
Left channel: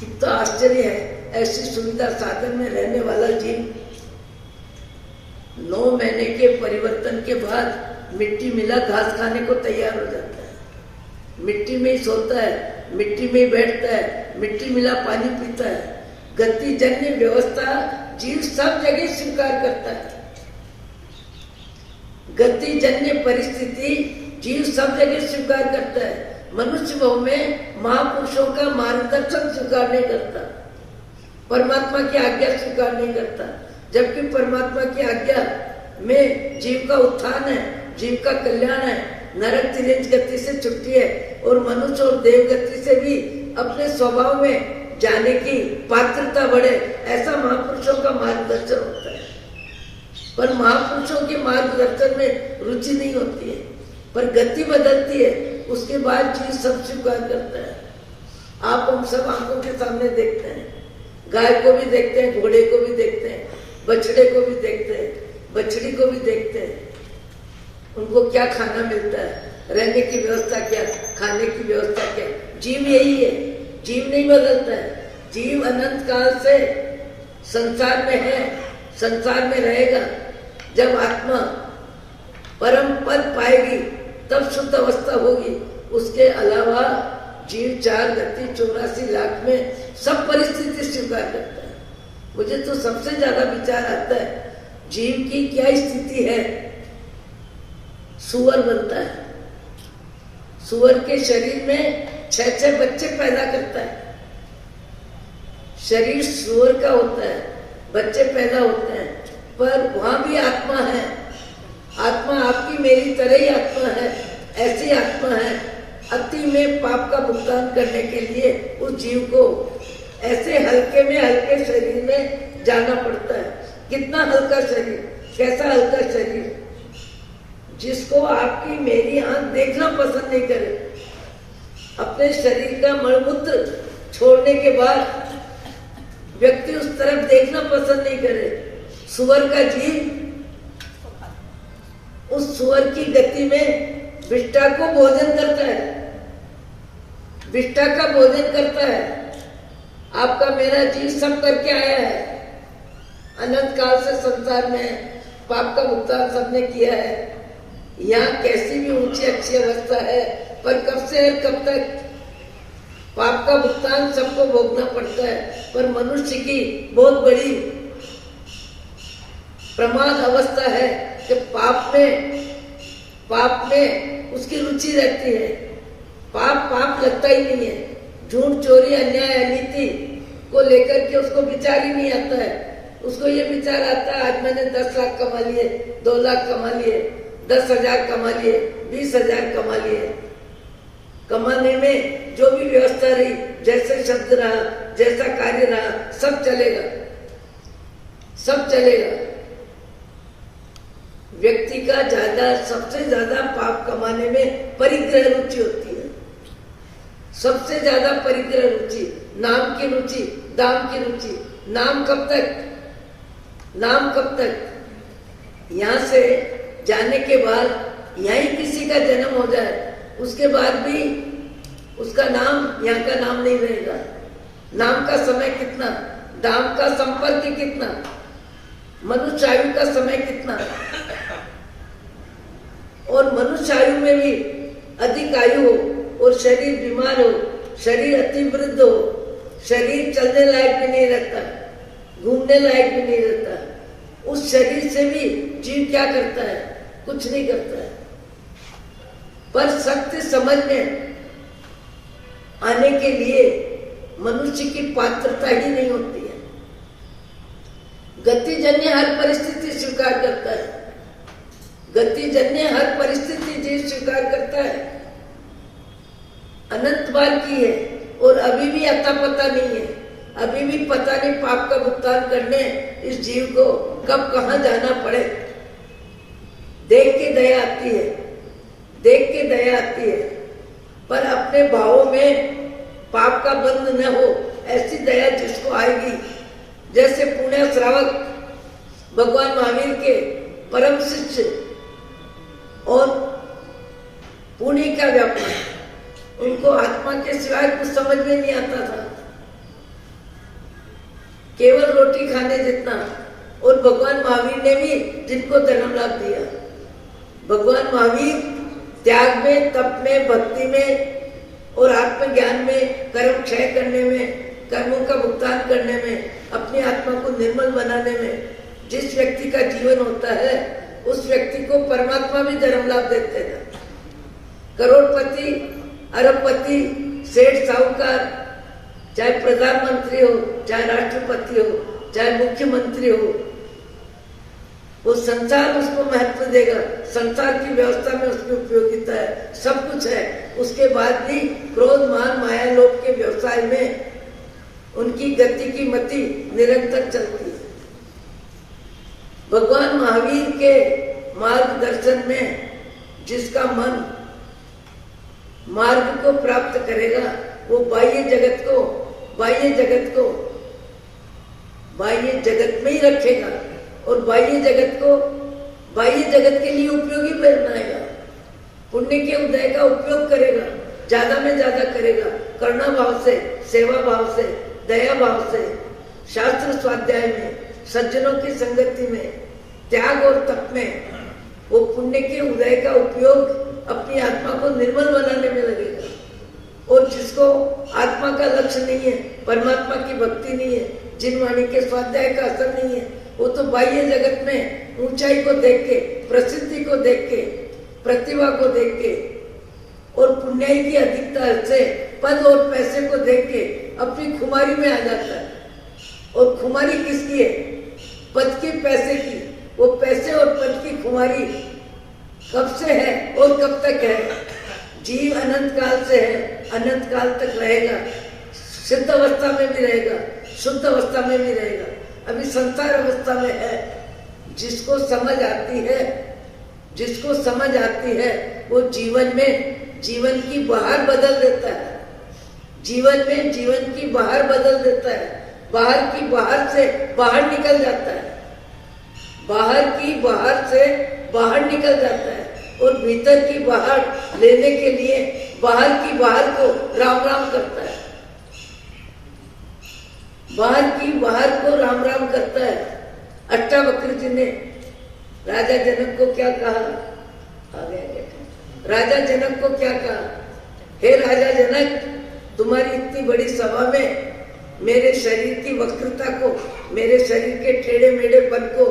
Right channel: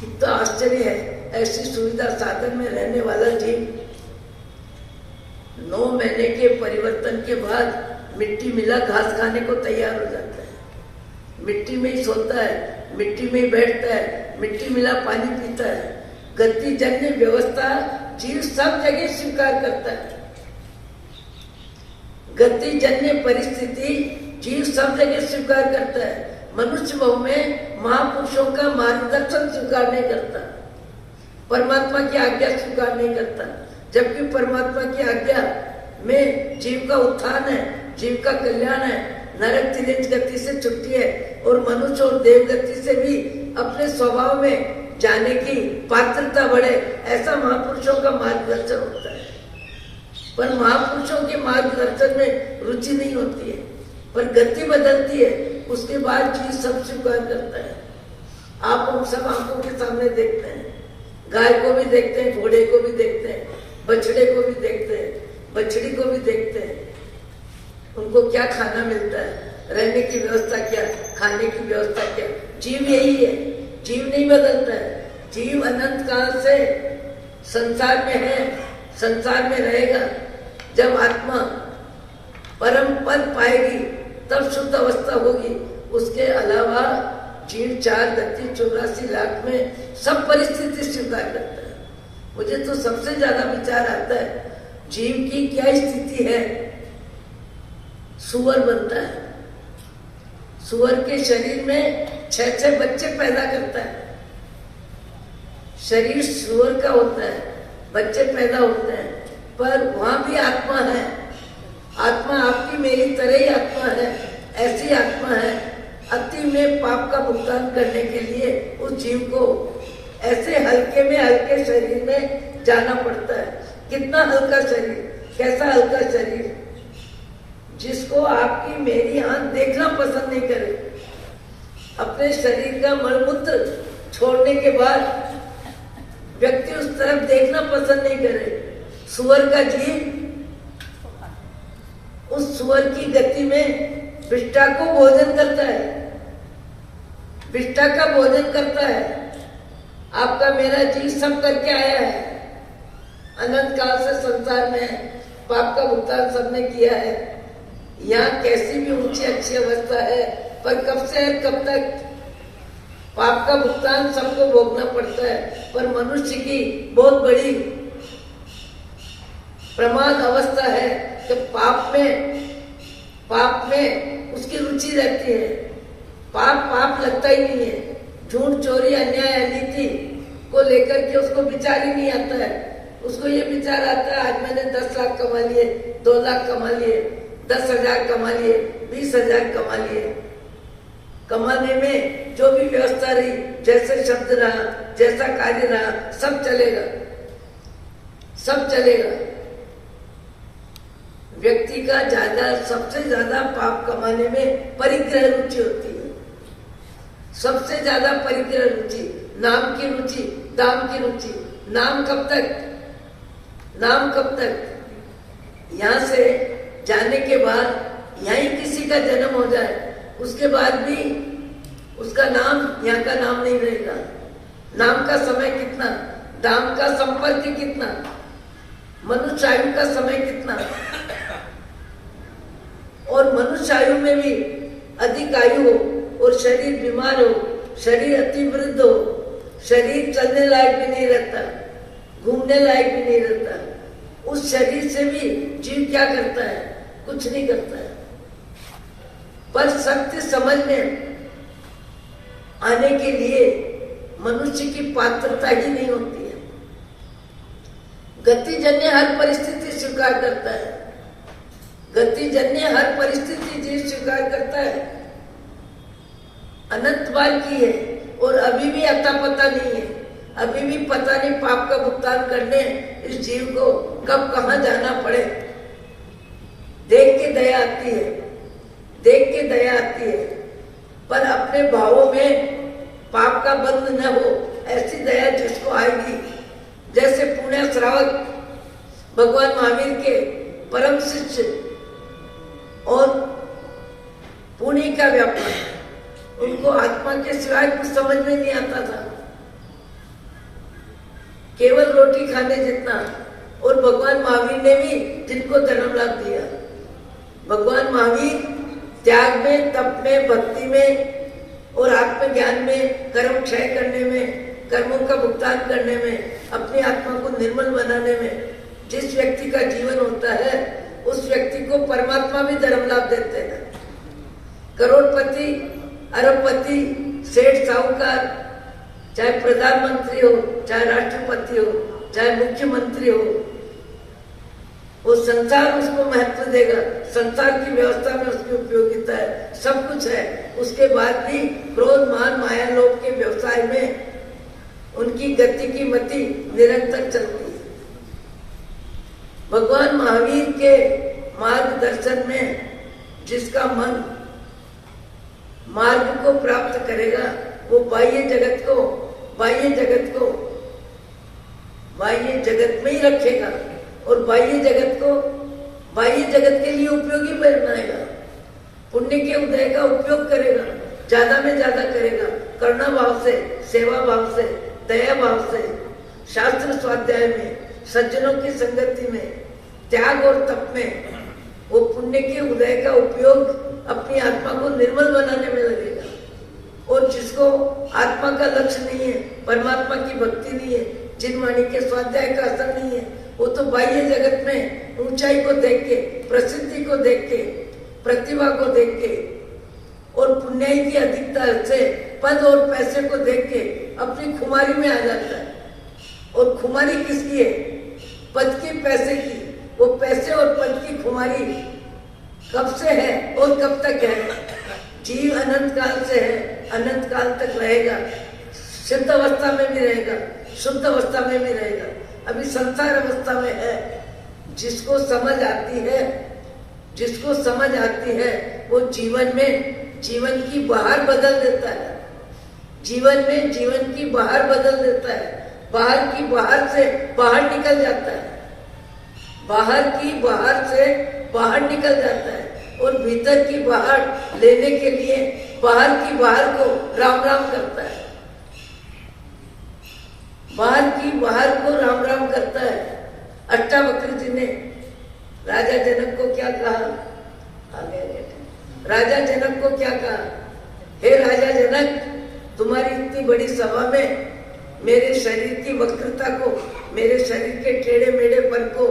कितना आश्चर्य है, ऐसी सुविधा साधन में रहने वाला जीव 9 महीने के परिवर्तन के बाद मिट्टी मिला घास खाने को तैयार हो जाता है। मिट्टी में ही सोता है, मिट्टी में ही बैठता है, मिट्टी मिला पानी पीता है। गति जन्य व्यवस्था जीव सब जगह स्वीकार करता है। गति जन्य परिस्थिति जीव सब जगह स्वीकार करता है। मनुष्य भाव में महापुरुषों का मार्गदर्शन स्वीकार नहीं करता, परमात्मा की आज्ञा स्वीकार नहीं करता। जबकि परमात्मा की आज्ञा में जीव का उत्थान है, जीव का कल्याण है, नरक तिरेज गति से छुट्टी है और मनुष्य और देव गति से भी अपने स्वभाव में जाने की पात्रता बढ़े, ऐसा महापुरुषों का मार्गदर्शन होता है। पर महापुरुषों के मार्गदर्शन में रुचि नहीं होती है, पर गति बदलती है, उसके बाद चीज सब स्वीकार करता है। आप हम सब आंखों के सामने देखते हैं, गाय को भी देखते हैं, घोड़े को भी देखते हैं, बछड़े को भी देखते हैं, बछड़ी को भी देखते हैं। उनको क्या खाना मिलता है, रहने की व्यवस्था क्या, खाने की व्यवस्था क्या। जीव यही है, जीव नहीं बदलता है। जीव अनंत काल से संसार में है, संसार में रहेगा। जब आत्मा परम पद पाएगी तब शुद्ध अवस्था होगी। उसके अलावा जीव 4 गति 84 लाख में सब परिस्थिति स्वीकार करता है। मुझे तो सबसे ज्यादा विचार आता है, जीव की क्या स्थिति है। सुअर बनता है, सुअर के शरीर में 6 बच्चे पैदा करता है। शरीर सुअर का होता है, बच्चे पैदा होते हैं, पर वहां भी आत्मा है। आत्मा आपकी मेरी तरह ही आत्मा है, ऐसी आत्मा है। अति में पाप का भुगतान करने के लिए उस जीव को ऐसे हल्के में हल्के शरीर में जाना पड़ता है। कितना हल्का शरीर, कैसा हल्का शरीर, जिसको आपकी मेरी आंख देखना पसंद नहीं करे। अपने शरीर का मलमूत्र छोड़ने के बाद व्यक्ति उस तरफ देखना पसंद नहीं करे। सुअर का जीव उस सुअर की गति में विष्ठा को भोजन करता है, विष्ठा का भोजन करता है। आपका मेरा जीव सब करके आया है, अनंत काल से संसार में पाप का भुगतान सबने किया है। यहाँ कैसी भी ऊंची अच्छी अवस्था है, पर कब से कब तक पाप का भुगतान सबको भोगना पड़ता है। पर मनुष्य की बहुत बड़ी प्रमाद अवस्था है कि पाप में उसकी रुचि रहती है। पाप लगता ही नहीं है। झूठ, चोरी, अन्याय, अनीति को लेकर के उसको विचार ही नहीं आता है। उसको ये विचार आता है, आज मैंने 10 लाख कमा लिए, 2 लाख कमा लिए, 10,000 कमा लिए, 20,000 कमा लिए। कमाने में जो भी व्यवस्था रही, जैसे शब्द रहा, जैसा कार्य रहा, सब चलेगा, सब चलेगा। व्यक्ति का सबसे ज्यादा पाप कमाने में परिग्रह रुचि होती है। सबसे ज्यादा परिग्रह रुचि, नाम की रुचि, दाम की रुचि। नाम कब तक, नाम कब तक। यहाँ से जाने के बाद यहीं किसी का जन्म हो जाए, उसके बाद भी उसका नाम यहाँ का नाम नहीं रहेगा। नाम का समय कितना, दाम का संपर्क कितना, मनुष्य आयु का समय कितना। और मनुष्य आयु में भी अधिक आयु हो और शरीर बीमार हो, शरीर अति वृद्ध हो, शरीर चलने लायक भी नहीं रहता, घूमने लायक भी नहीं रहता। उस शरीर से भी जीव क्या करता है, कुछ नहीं करता है। पर सत्य समझने आने के लिए मनुष्य की पात्रता ही नहीं होती है। गतिजन्य हर परिस्थिति स्वीकार करता है, गतिजन्य हर परिस्थिति जीव स्वीकार करता है। अनंत बार की है और अभी भी अता पता नहीं है। अभी भी पता नहीं पाप का भुगतान करने इस जीव को कब कहां जाना पड़े। देख के दया आती है, देख के दया आती है, पर अपने भावों में पाप का बंध न हो, ऐसी दया जिसको आएगी। जैसे पुण्य श्रावक भगवान महावीर के परम शिष्य और पुण्य का व्यापार, उनको आत्मा के सिवाय कुछ समझ में नहीं आता था, केवल रोटी खाने जितना। और भगवान महावीर ने भी जिनको धर्म लाभ दिया। भगवान महावीर त्याग में, तप में, भक्ति में और आत्मज्ञान में, कर्म क्षय करने में, कर्मों का भुगतान करने में, अपनी आत्मा को निर्मल बनाने में जिस व्यक्ति का जीवन होता है, उस व्यक्ति को परमात्मा भी धर्म लाभ देते हैं। करोड़पति, अरबपति, सेठ, साहूकार, चाहे प्रधानमंत्री हो, चाहे राष्ट्रपति हो, चाहे मुख्यमंत्री हो, वो संसार उसको महत्व देगा। संसार की व्यवस्था में उसकी उपयोगिता है, सब कुछ है। उसके बाद भी क्रोध, मान, माया, लोभ के व्यवसाय में उनकी गति की मति निरंतर चलती है। भगवान महावीर के मार्गदर्शन में जिसका मन मार्ग को प्राप्त करेगा, वो बाह्य जगत में ही रखेगा और बाह्य जगत के लिए उपयोगी बनाएगा। पुण्य के उदय का उपयोग करेगा, ज्यादा में ज्यादा करेगा, करुणा भाव से, सेवा भाव से, दया भाव से, शास्त्र स्वाध्याय में, सज्जनों की संगति में, त्याग और तप में वो पुण्य के उदय का उपयोग अपनी आत्मा को निर्मल बनाने में लगेगा। और जिसको आत्मा का लक्ष्य नहीं है, परमात्मा की भक्ति नहीं है, जिन वाणी के स्वाध्याय का असर नहीं है, वो तो बाह्य जगत में ऊंचाई को देख के, प्रसिद्धि को देख के, प्रतिभा को देख के और पुण्याई की अधिकता से पद और पैसे को देख के अपनी खुमारी में आ जाता है। और खुमारी किसकी है? पद की, पैसे की। वो पैसे और पद की खुमारी कब से है और कब तक है? जीव अनंत काल से है, अनंत काल तक रहेगा, सिद्ध अवस्था में भी रहेगा, शुद्ध अवस्था में भी रहेगा। अभी संसार अवस्था में है। जिसको समझ आती है वो जीवन की बहार बदल देता है। जीवन में जीवन की बहार बदल देता है। बाहर की बहार से बाहर निकल जाता है, बाहर की बहार से बाहर निकल जाता है और भीतर की बहार लेने के लिए बाहर की बहार को राम राम करता है। बाहर की बहार को राम राम करता है। अष्टावक्र जी ने राजा जनक को क्या कहा? राजा जनक को क्या कहा? हे राजा जनक, तुम्हारी इतनी बड़ी सभा में मेरे शरीर की वक्रता को, मेरे शरीर के टेढ़े मेढ़ेपन को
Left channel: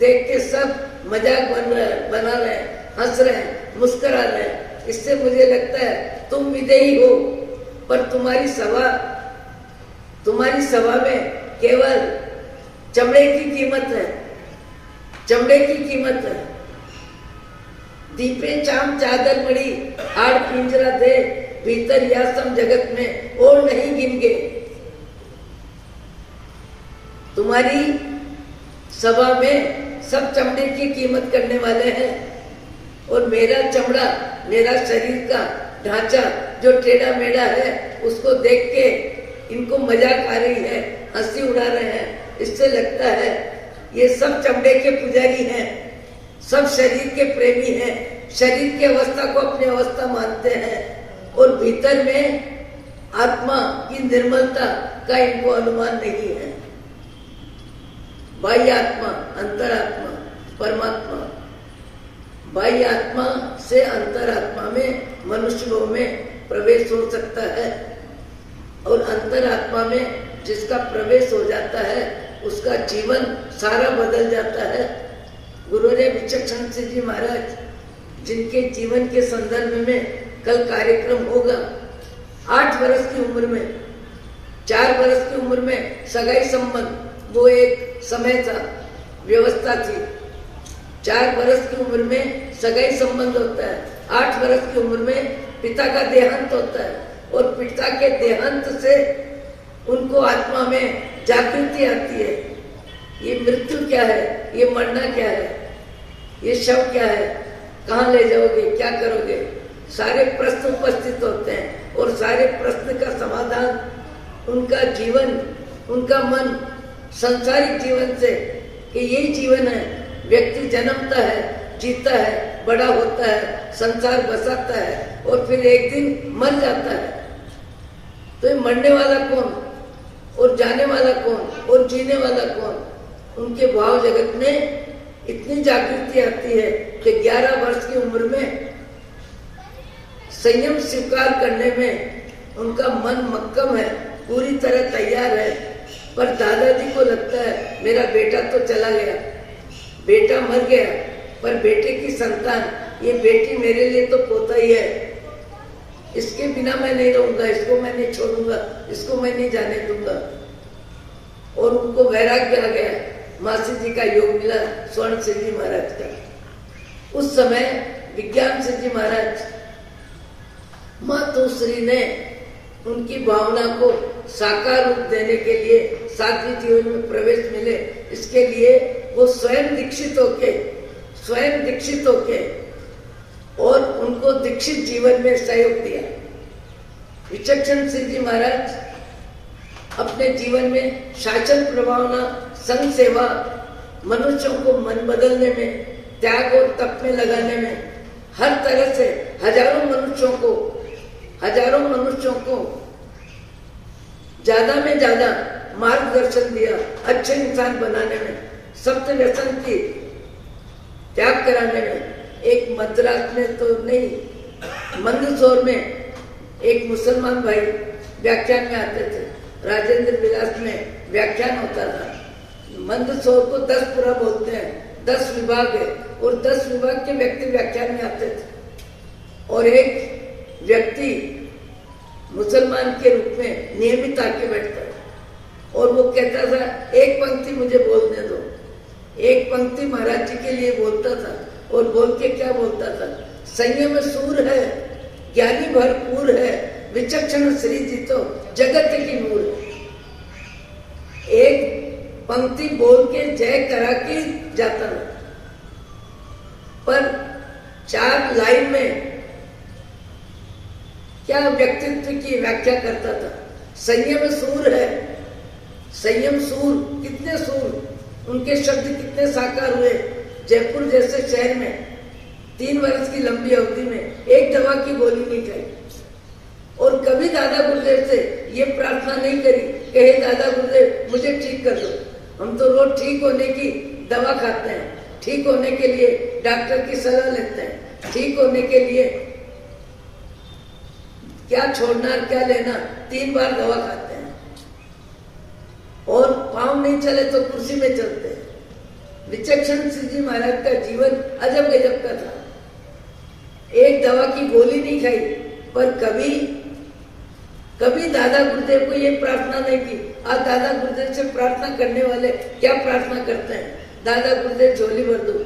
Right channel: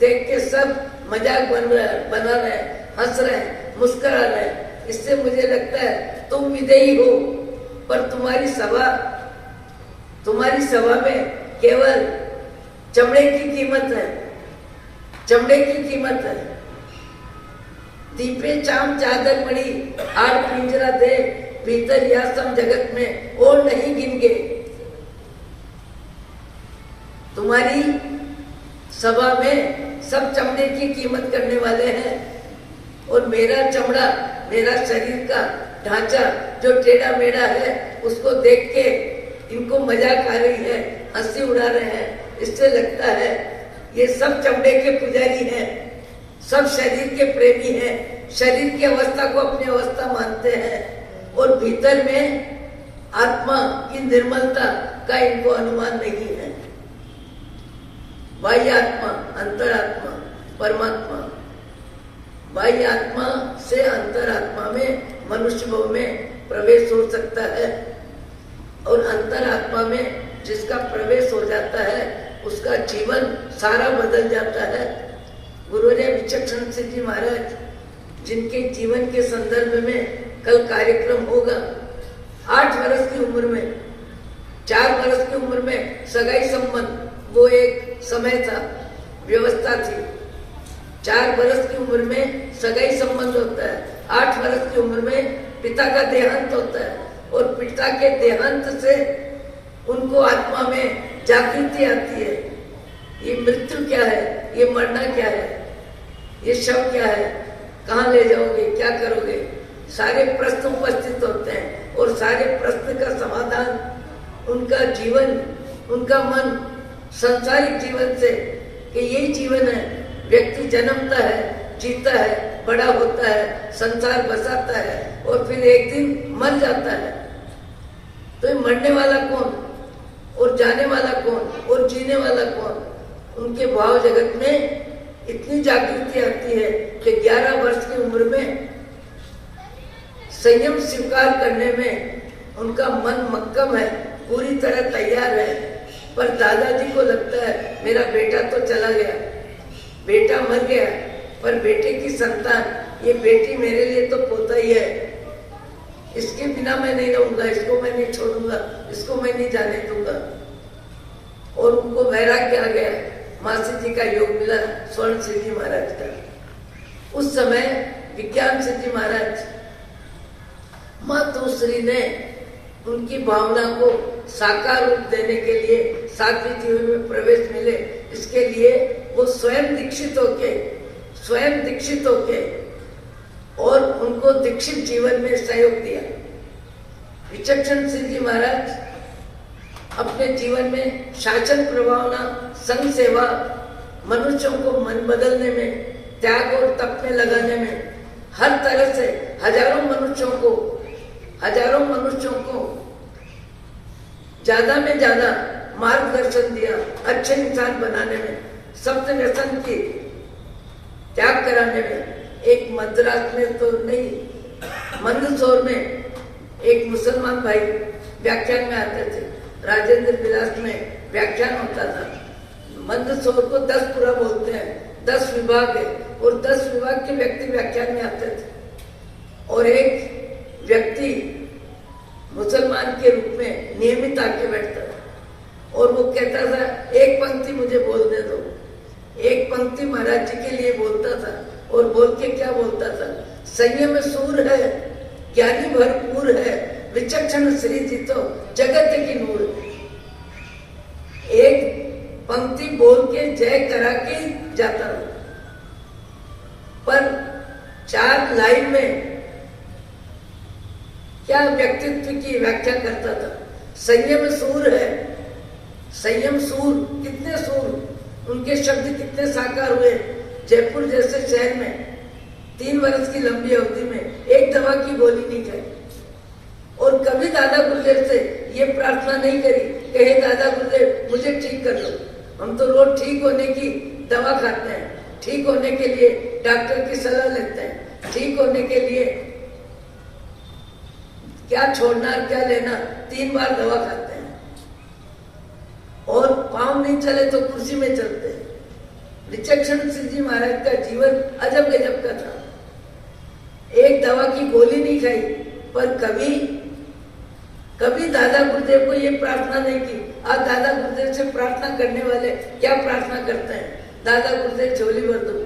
देख के सब मजाक बना रहे, हंस रहे, मुस्कुरा रहे। इससे मुझे लगता है तुम विदेही हो, पर तुम्हारी सभा में केवल चमड़े की कीमत है। दीपे चाम चादर मणि, आड़ पिंजरा दे, भीतर या सम जगत में और नहीं गिनगे। तुम्हारी सभा में सब चमड़े की कीमत करने वाले हैं और मेरा चमड़ा, मेरा शरीर का ढांचा जो टेढ़ा मेढ़ा है, उसको देख के इनको मजाक आ रही है, हंसी उड़ा रहे हैं। इससे लगता है ये सब चमड़े के पुजारी हैं, सब शरीर के प्रेमी हैं, शरीर की अवस्था को अपनी अवस्था मानते हैं और भीतर में आत्मा की निर्मलता का इनको अनुमान नहीं है। बाह्य आत्मा, अंतरात्मा, परमात्मा। बाह्य आत्मा से अंतरात्मा में मनुष्य भाव में प्रवेश हो सकता है और अंतरात्मा में जिसका प्रवेश हो जाता है उसका जीवन सारा बदल जाता है। गुरुदेव विचक्षण सिंह जी महाराज, जिनके जीवन के संदर्भ में कल कार्यक्रम होगा, 8 वर्ष की उम्र में, 4 वर्ष की उम्र में सगाई संबंध, वो एक समय था, व्यवस्था थी। 4 वर्ष की उम्र में सगाई संबंध होता है, 8 वर्ष की उम्र में पिता का देहांत होता है और पिता के देहांत से उनको आत्मा में जागृति आती है। ये मृत्यु क्या है, ये मरना क्या है, ये शव क्या है, कहाँ ले जाओगे, क्या करोगे, सारे प्रश्न उपस्थित होते हैं और सारे प्रश्न का समाधान उनका जीवन, उनका मन सांसारिक जीवन से, कि यही जीवन है। व्यक्ति जन्मता है, जीता है, बड़ा होता है, संसार बसाता है और फिर एक दिन मर जाता है। तो ये मरने वाला कौन और जाने वाला कौन और जीने वाला कौन? उनके भाव जगत में इतनी जागृति आती है कि 11 वर्ष की उम्र में संयम स्वीकार करने में उनका मन मक्कम है, पूरी तरह तैयार है। पर दादाजी को लगता है मेरा बेटा तो चला गया, बेटा मर गया, पर बेटे की संतान, ये बेटी मेरे लिए तो पोता ही है, इसके बिना मैं नहीं रहूंगा, इसको मैं नहीं छोड़ूंगा, इसको मैं नहीं जाने दूंगा। और उनको वैराग्य आ गया, मासी जी का योग मिला, स्वर्ण सिंह जी महाराज का। उस समय विज्ञान सिंह जी महाराज, मातोश्री ने उनकी भावना को साकार रूप देने के लिए, सात्विक जीवन में प्रवेश मिले, इसके लिए वो स्वयं दीक्षित होके और उनको दीक्षित जीवन में सहयोग दिया। विचक्षण सिंह जी महाराज अपने जीवन में शासन प्रभावना, संघ सेवा, मनुष्यों को मन बदलने में, त्याग और तप में लगाने में, हर तरह से हजारों मनुष्यों को ज्यादा में ज्यादा मार्गदर्शन दिया, अच्छे इंसान बनाने में, सप्त व्यसन की त्याग कराने में। एक मद्रास में तो नहीं, मंदसौर में एक मुसलमान भाई व्याख्यान में आते थे, राजेंद्र विलास में व्याख्यान होता था। मंदसौर को 10 पुरा बोलते हैं, 10 विभाग है और 10 विभाग के व्यक्ति व्याख्यान में आते थे। और एक व्यक्ति मुसलमान के रूप में नियमित आके बैठता था और वो कहता था, एक पंक्ति मुझे बोलने दो। एक पंक्ति महाराज जी के लिए बोलता था और बोल के क्या बोलता था, संयम सूर है, ज्ञानी भरपूर है, विचक्षण श्री जी तो जगत की नूर। एक पंक्ति बोल के जय करा के जाता था, पर 4 लाइन में क्या व्यक्तित्व की व्याख्या करता था। संयम सूर है, संयम सूर, कितने सूर, उनके शब्द कितने साकार हुए। जयपुर जैसे शहर में 3 वर्ष की लंबी अवधि में एक दवा की गोली नहीं खाई और कभी दादा गुरुदेव से ये प्रार्थना नहीं करी कि हे दादा गुरुदेव मुझे ठीक कर दो। हम तो रोज ठीक होने की दवा खाते हैं, ठीक होने के लिए डॉक्टर की सलाह लेते हैं, ठीक होने के लिए क्या छोड़ना क्या लेना, 3 बार दवा खाते हैं और पांव नहीं चले तो कुर्सी में चलते हैं। विचक्षण सिंह जी महाराज का जीवन अजब गजब का था। एक दवा की गोली नहीं खाई, पर कभी दादा गुरुदेव को ये प्रार्थना नहीं की। आज दादा गुरुदेव से प्रार्थना करने वाले क्या प्रार्थना करते हैं, दादा गुरुदेव झोली भर दो,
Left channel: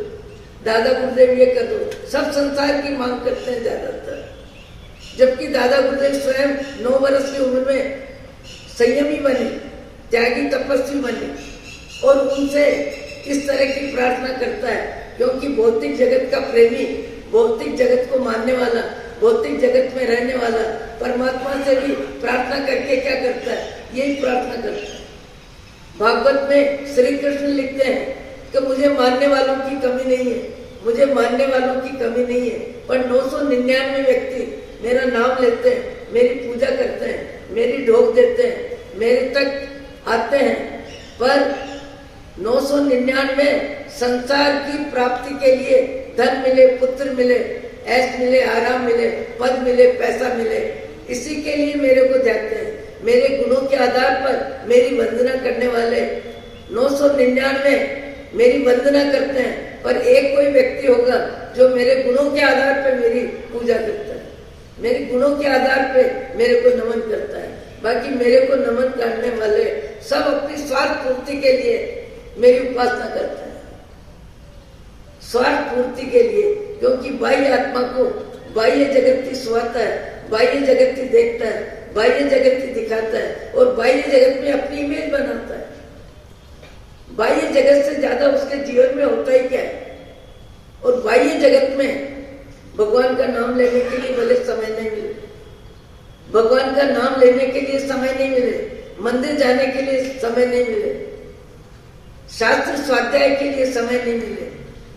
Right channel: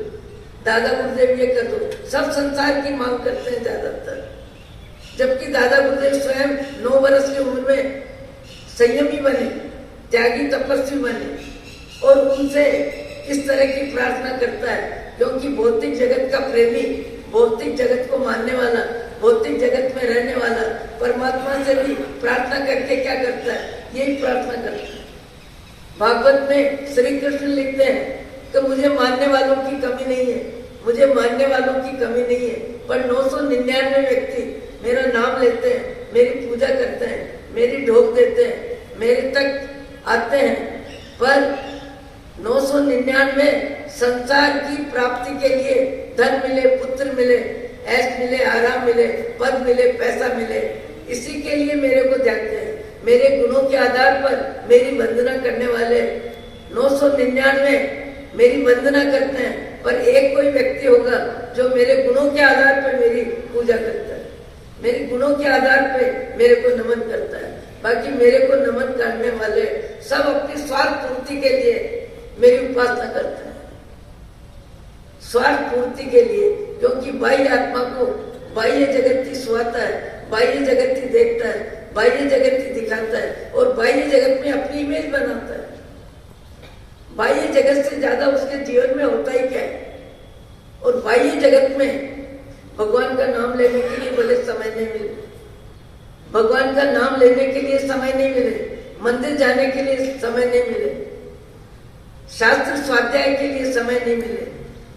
दादा गुरुदेव ये कर दो, सब संसार की मांग करते हैं ज्यादातर। जबकि दादा गुरुदेव स्वयं 9 वर्ष की उम्र में संयमी बने, त्यागी तपस्वी बने और उनसे इस तरह की प्रार्थना करता है, क्योंकि भौतिक जगत का प्रेमी, भौतिक जगत को मानने वाला, भौतिक जगत में रहने वाला परमात्मा से भी प्रार्थना करके क्या करता है, यही प्रार्थना करता है। भागवत में श्री कृष्ण लिखते हैं कि मुझे मानने वालों की कमी नहीं है, मुझे मानने वालों की कमी नहीं है, पर 999 व्यक्ति मेरा नाम लेते हैं, मेरी पूजा करते हैं, मेरी ढोक देते हैं, मेरे तक आते हैं, पर 999 संसार की प्राप्ति के लिए धन मिले, पुत्र मिले, ऐश मिले, आराम मिले, पद मिले, पैसा मिले, इसी के लिए मेरे को जाते हैं। मेरे गुणों के आधार पर मेरी वंदना करने वाले 999 मेरी वंदना करते हैं, पर एक कोई व्यक्ति होगा जो मेरे गुणों के आधार पर मेरी पूजा करता है, मेरे गुणों के आधार पे मेरे को नमन करता है। बाकी मेरे को नमन करने वाले सब अपनी स्वार्थ पूर्ति के लिए मेरी उपासना करते हैं, स्वार्थ पूर्ति के लिए, क्योंकि बाह्य आत्मा को बाह्य जगत ही सुहाता है, बाह्य जगत ही देखता है, बाह्य जगत ही दिखाता है और बाह्य जगत में अपनी इमेज बनाता है। बाह्य जगत से ज्यादा उसके जीवन में होता ही क्या है। और बाह्य जगत में भगवान का नाम लेने के लिए भले समय नहीं मिले, भगवान का नाम लेने के लिए समय नहीं मिले, मंदिर जाने के लिए समय नहीं मिले, शास्त्र स्वाध्याय के लिए समय नहीं मिले,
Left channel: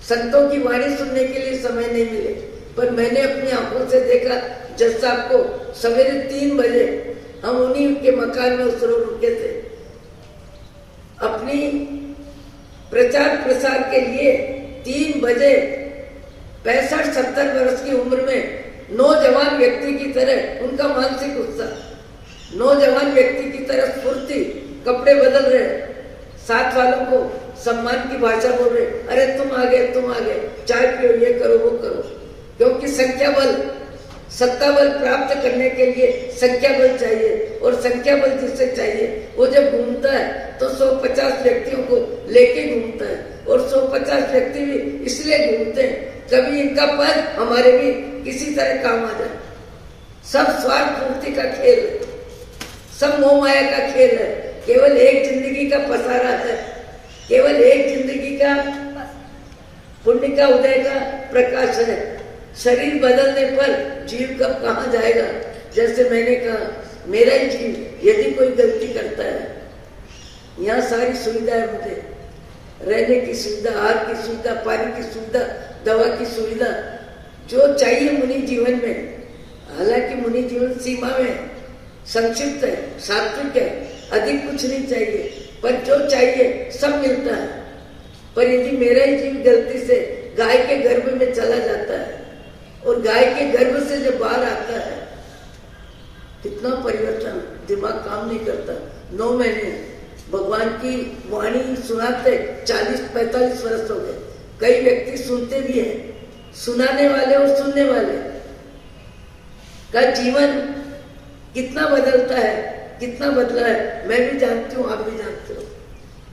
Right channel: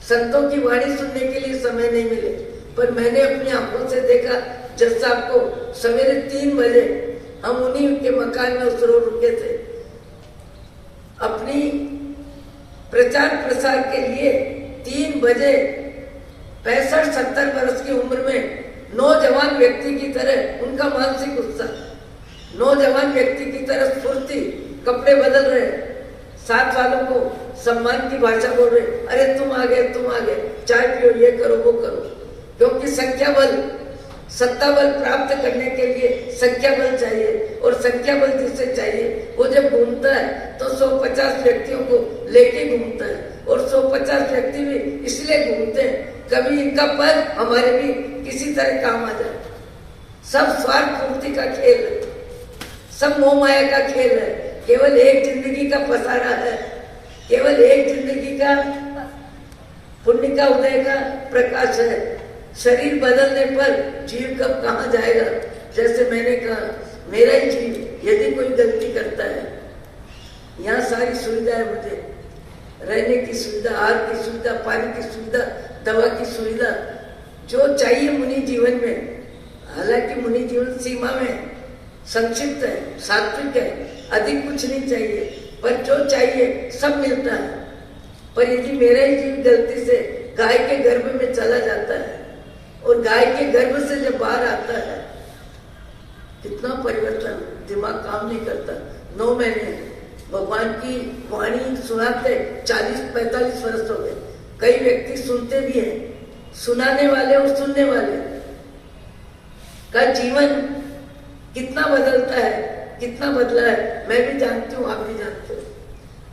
संतों की वाणी सुनने के लिए समय नहीं मिले, पर मैंने अपनी आंखों से देखा जज साहब को सवेरे 3 बजे हम उन्हीं के मकान में उस रोज रुके थे। अपनी प्रचार प्रसार के लिए 3 बजे 65-70 वर्ष की उम्र में नौजवान व्यक्ति की तरह उनका मानसिक उत्साह, नौजवान व्यक्ति की तरह स्फूर्ति, कपड़े बदल रहे, साथ वालों को सम्मान की भाषा बोल रहे, अरे तुम आ गए, चाय पियो, ये करो, वो करो, क्योंकि संख्या बल, सत्ता बल प्राप्त करने के लिए संख्या बल चाहिए और संख्या बल जिससे चाहिए वो जब घूमता है तो 150 व्यक्तियों को लेके घूमता है और 150 व्यक्ति भी इसलिए घूमते हैं कभी इनका पर हमारे भी किसी तरह काम आ जाए। सब स्वार्थ पूर्ति का खेल है, सब मोह माया का खेल है। केवल एक जिंदगी का पसारा है, केवल एक जिंदगी का पुण्य का उदय का प्रकाश है। शरीर बदलने पर जीव कब कहाँ जाएगा। जैसे मैंने कहा, मेरा ही जीव यदि कोई गलती करता है, यहाँ सारी सुविधा है, मुझे रहने की सुविधा, आहार की सुविधा, पानी की सुविधा, दवा की सुविधा, जो चाहिए मुनि जीवन में। हालांकि मुनि जीवन सीमा में संक्षिप्त है, सात्विक है, अधिक कुछ नहीं चाहिए, पर जो चाहिए सब मिलता है। पर यदि मेरा ही जीव गलती से गाय के गर्भ में चला जाता है और गाय के गर्भ से जब बाहर आता है, कितना परिवर्तन, दिमाग काम नहीं करता। 9 महीने भगवान की वाणी सुनाते 40-45 वर्ष हो गए। कई व्यक्ति सुनते भी हैं, सुनाने वाले और सुनने वाले का जीवन कितना बदलता है, कितना बदला है, मैं भी जानती हूँ, आप भी जानते हो।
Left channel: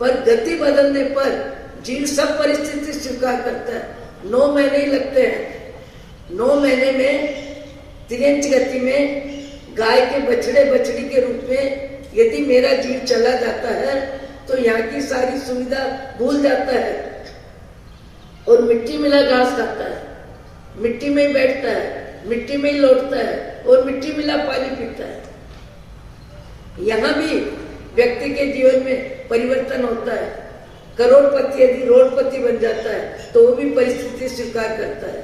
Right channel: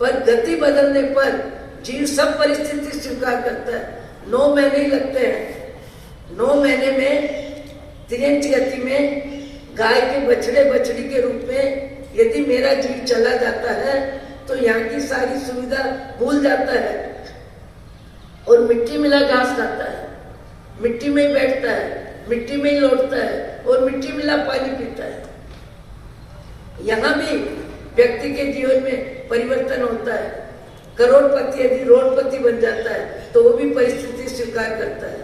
पर गति बदलने पर जीव सब परिस्थिति स्वीकार करता है। 9 महीने ही लगते हैं। 9 महीने में तिरंज गति में गाय के बछड़े बछड़ी के रूप में यदि मेरा जीव चला जाता है तो यहाँ की सारी सुविधा भूल जाता है और मिट्टी मिला घास खाता है, मिट्टी में ही बैठता है, मिट्टी में ही लौटता है और मिट्टी मिला पानी पीता है। यहाँ भी व्यक्ति के जीवन में परिवर्तन होता है। करोड़पति यदि रोडपति बन जाता है तो वो भी परिस्थिति स्वीकार करता है।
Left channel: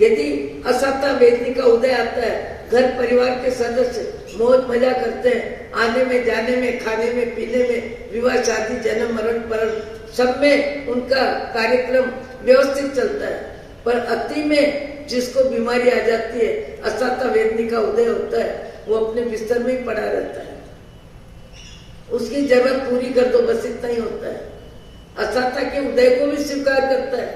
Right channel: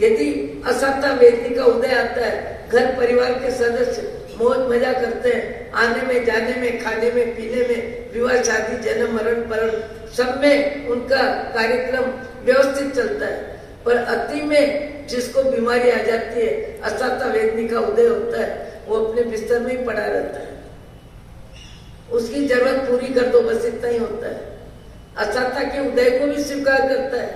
यदि असाता वेदनी का उदय आता है, घर परिवार के सदस्य मौज मजा करते हैं, आने में जाने में, खाने में पीने में, विवाह शादी जन्म मरण मरण सब में उनका कार्यक्रम व्यवस्थित चलता है। पर अति में जिसको बीमारी आ जाती है, असाता वेदनी का उदय होता है, वो अपने बिस्तर में ही पड़ा रहता है। उसकी जरूरत पूरी कर दो, बस इतना ही होता है। असाता के उदय को भी स्वीकार करता है,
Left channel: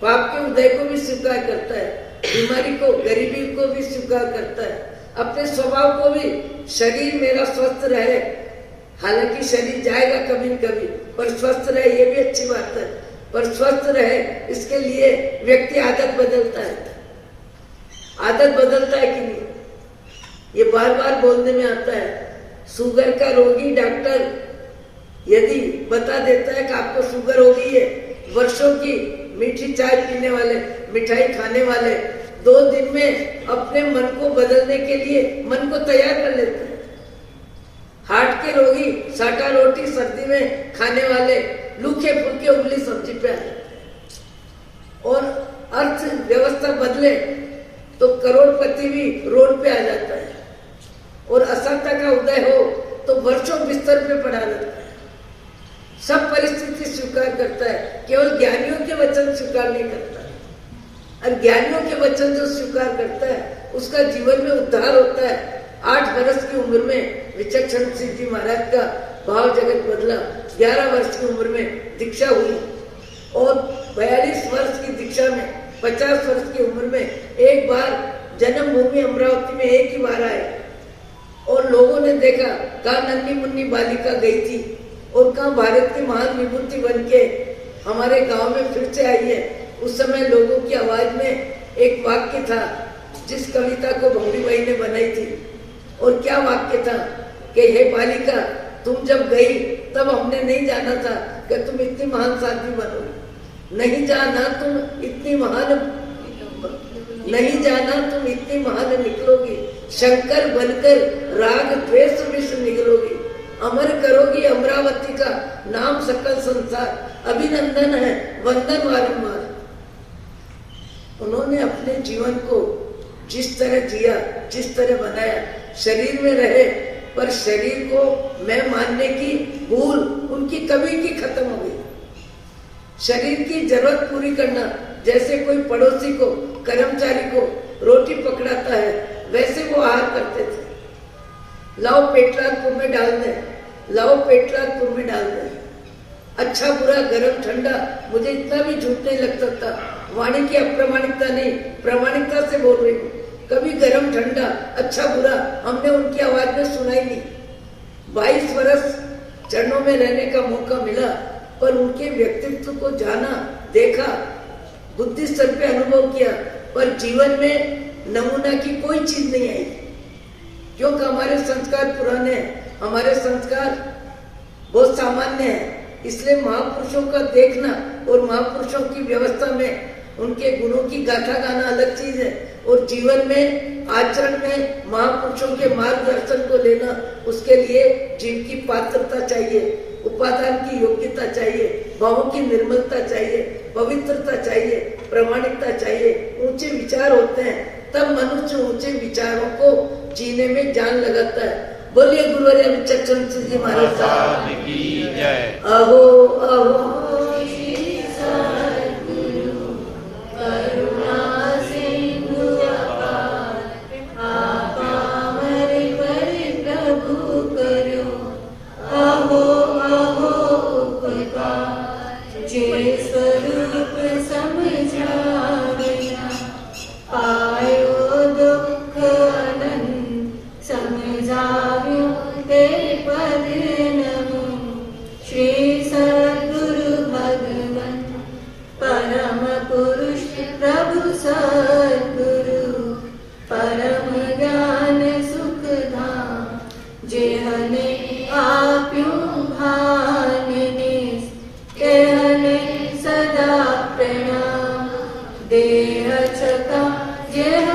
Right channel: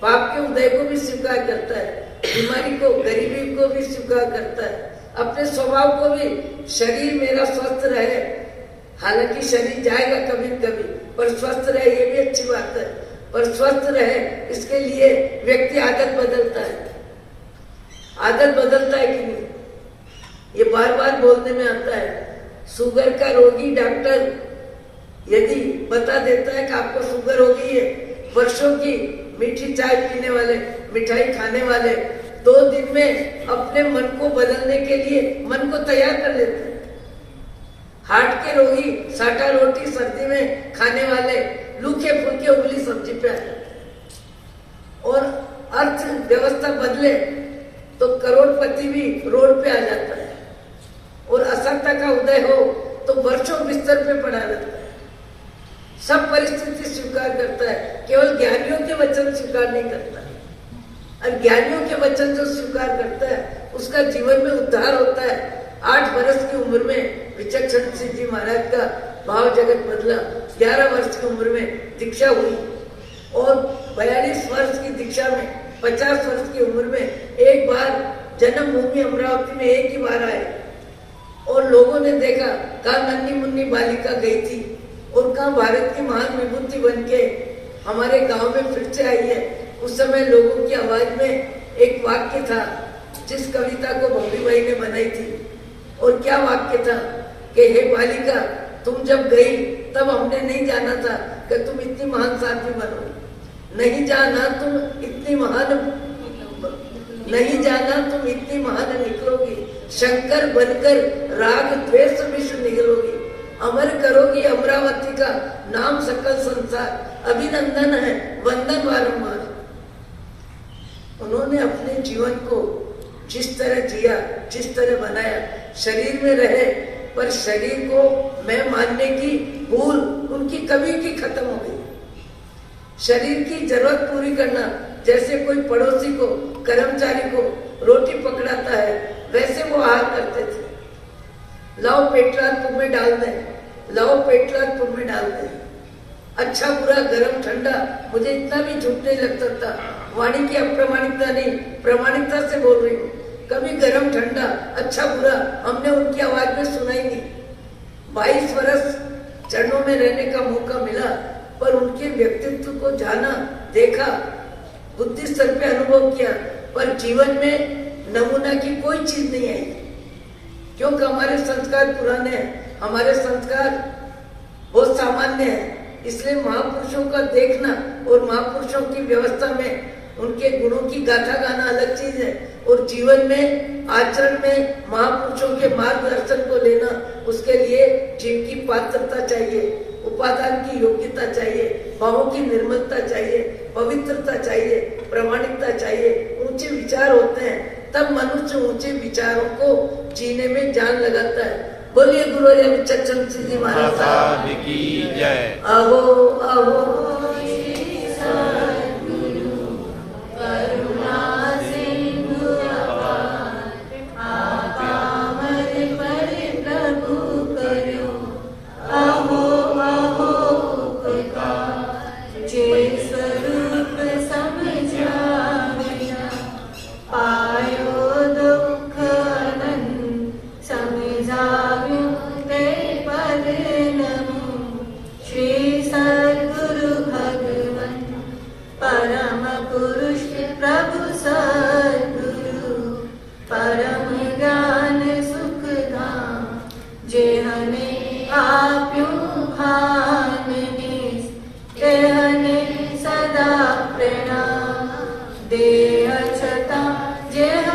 पाप के उदय को भी स्वीकार करता है, बीमारी को, गरीबी को भी स्वीकार करता है, अपने स्वभाव को भी। शरीर मेरा स्वस्थ रहे, हालांकि शरीर जाएगा कभी न कभी, पर स्वस्थ रहे ये भी अच्छी बात है। पर स्वस्थ रहे इसके लिए व्यक्ति आदत बदलता है। आदत बदलता है कि नहीं, ये बार बार बोलने में आता है। शुगर का रोगी डॉक्टर यदि बता देता है कि आपको शुगर हो गई है, वर्षों की मीठी चाय पीने वाले, मिठाई खाने वाले 2 दिन में अपने मन को बदलने के लिए मन को तैयार कर लेते हैं। हार्ट के रोगी साटा रोटी सर्दी में खाने वाले लूखे फूके उबली सब्जी पे आ जाते हैं। और अर्थव्यवस्था बदले तो करोड़पति भी रोड पे आ जाता है। और असत्ता का उदय हो तो वर्षों बिस्तर पे पड़ा रहता है। सब परिस्थिति स्वीकार करता है, केवल ज्ञानियों के वचन स्वीकार नहीं करता। और ज्ञानियों के वचन जो स्वीकार करता है उसका जीवन में उद्धार होता है। 8 वर्ष की उम्र में विचक्षण सिंह जी महाराज का भाव जगत बदला। 11 वर्ष की उम्र में दीक्षा हुई और 42 वर्ष की दीक्षा में 50 वर्ष की उम्र में एक बार जन्मभूमि अमरावती में एक ही बार आए और लोगों ने देखा, कहा नन्ही मुन्नी बालिका गई थी और कहा भारत की महान विभूति बन के हमारे गांव में फिर से आई है। उस समय लोगों की आवाज में एक वाक्य था जिस कविता को भोली बाई ने बनाई थी। और क्या वाक्य था कि हे बालिका, तुम जब गई तब हमने नहीं जाना था कि तुम इतनी महान साध्वी बनोगी। नहीं जाना तुम इतनी महान, नहीं जाना तुम इतनी महान निकलोगी। शंकर बनकर राग द्वेष विश्व निकलोगी। अमर करोगी अमरावती का नाम सकल संसार। अभिनंदन है, वंदन बारंबार। उन्होंने अपने जीवन को जिस तरह जिया, जिस तरह बनाया, शरीर में रहे पर शरीर को मैं मानने की भूल उनकी कभी की खत्म हो गई। शरीर की जरूरत पूरी करना, जैसे कोई पड़ोसी को, कर्मचारी को रोटी पकड़ाता है, वैसे वो आहार करते थे। लाओ पेटरा तुम में डाल दे, लाओ पेटरा तुम में डाल दे। अच्छा बुरा गरम ठंडा, मुझे इतना भी झूठ नहीं लग सकता। वाणी की अप्रमाणिकता नहीं, प्रामाणिकता से बोल रही हूँ। कभी गरम ठंडा, अच्छा बुरा हमने उनकी आवाज में सुना ही नहीं। 22 वर्ष चरणों में रहने का मौका मिला, पर उनके व्यक्तित्व को जाना, देखा, बुद्धि स्तर पे अनुभव किया, पर जीवन में नमूना की कोई चीज नहीं आई। क्योंकि हमारे संस्कार पुराने हैं, हमारे संस्कार बहुत सामान्य है। इसलिए महापुरुषों का देखना और महापुरुषों की व्यवस्था में उनके गुणों की गाथा गाना अलग चीज है, और जीवन में आचरण में महापुरुषों के मार्गदर्शन को लेना, उसके लिए जीव की पात्रता चाहिए, उपादान की योग्यता चाहिए, भावों की निर्मलता चाहिए, पवित्रता चाहिए, प्रामाणिकता चाहिए, ऊंचे विचार होते हैं, तब मनुष्य ऊंचे विचारों को जीने में जान लगाता है। बोलिए गुरु चचन जी महाराज की जय। अहो अहो देह छता जेह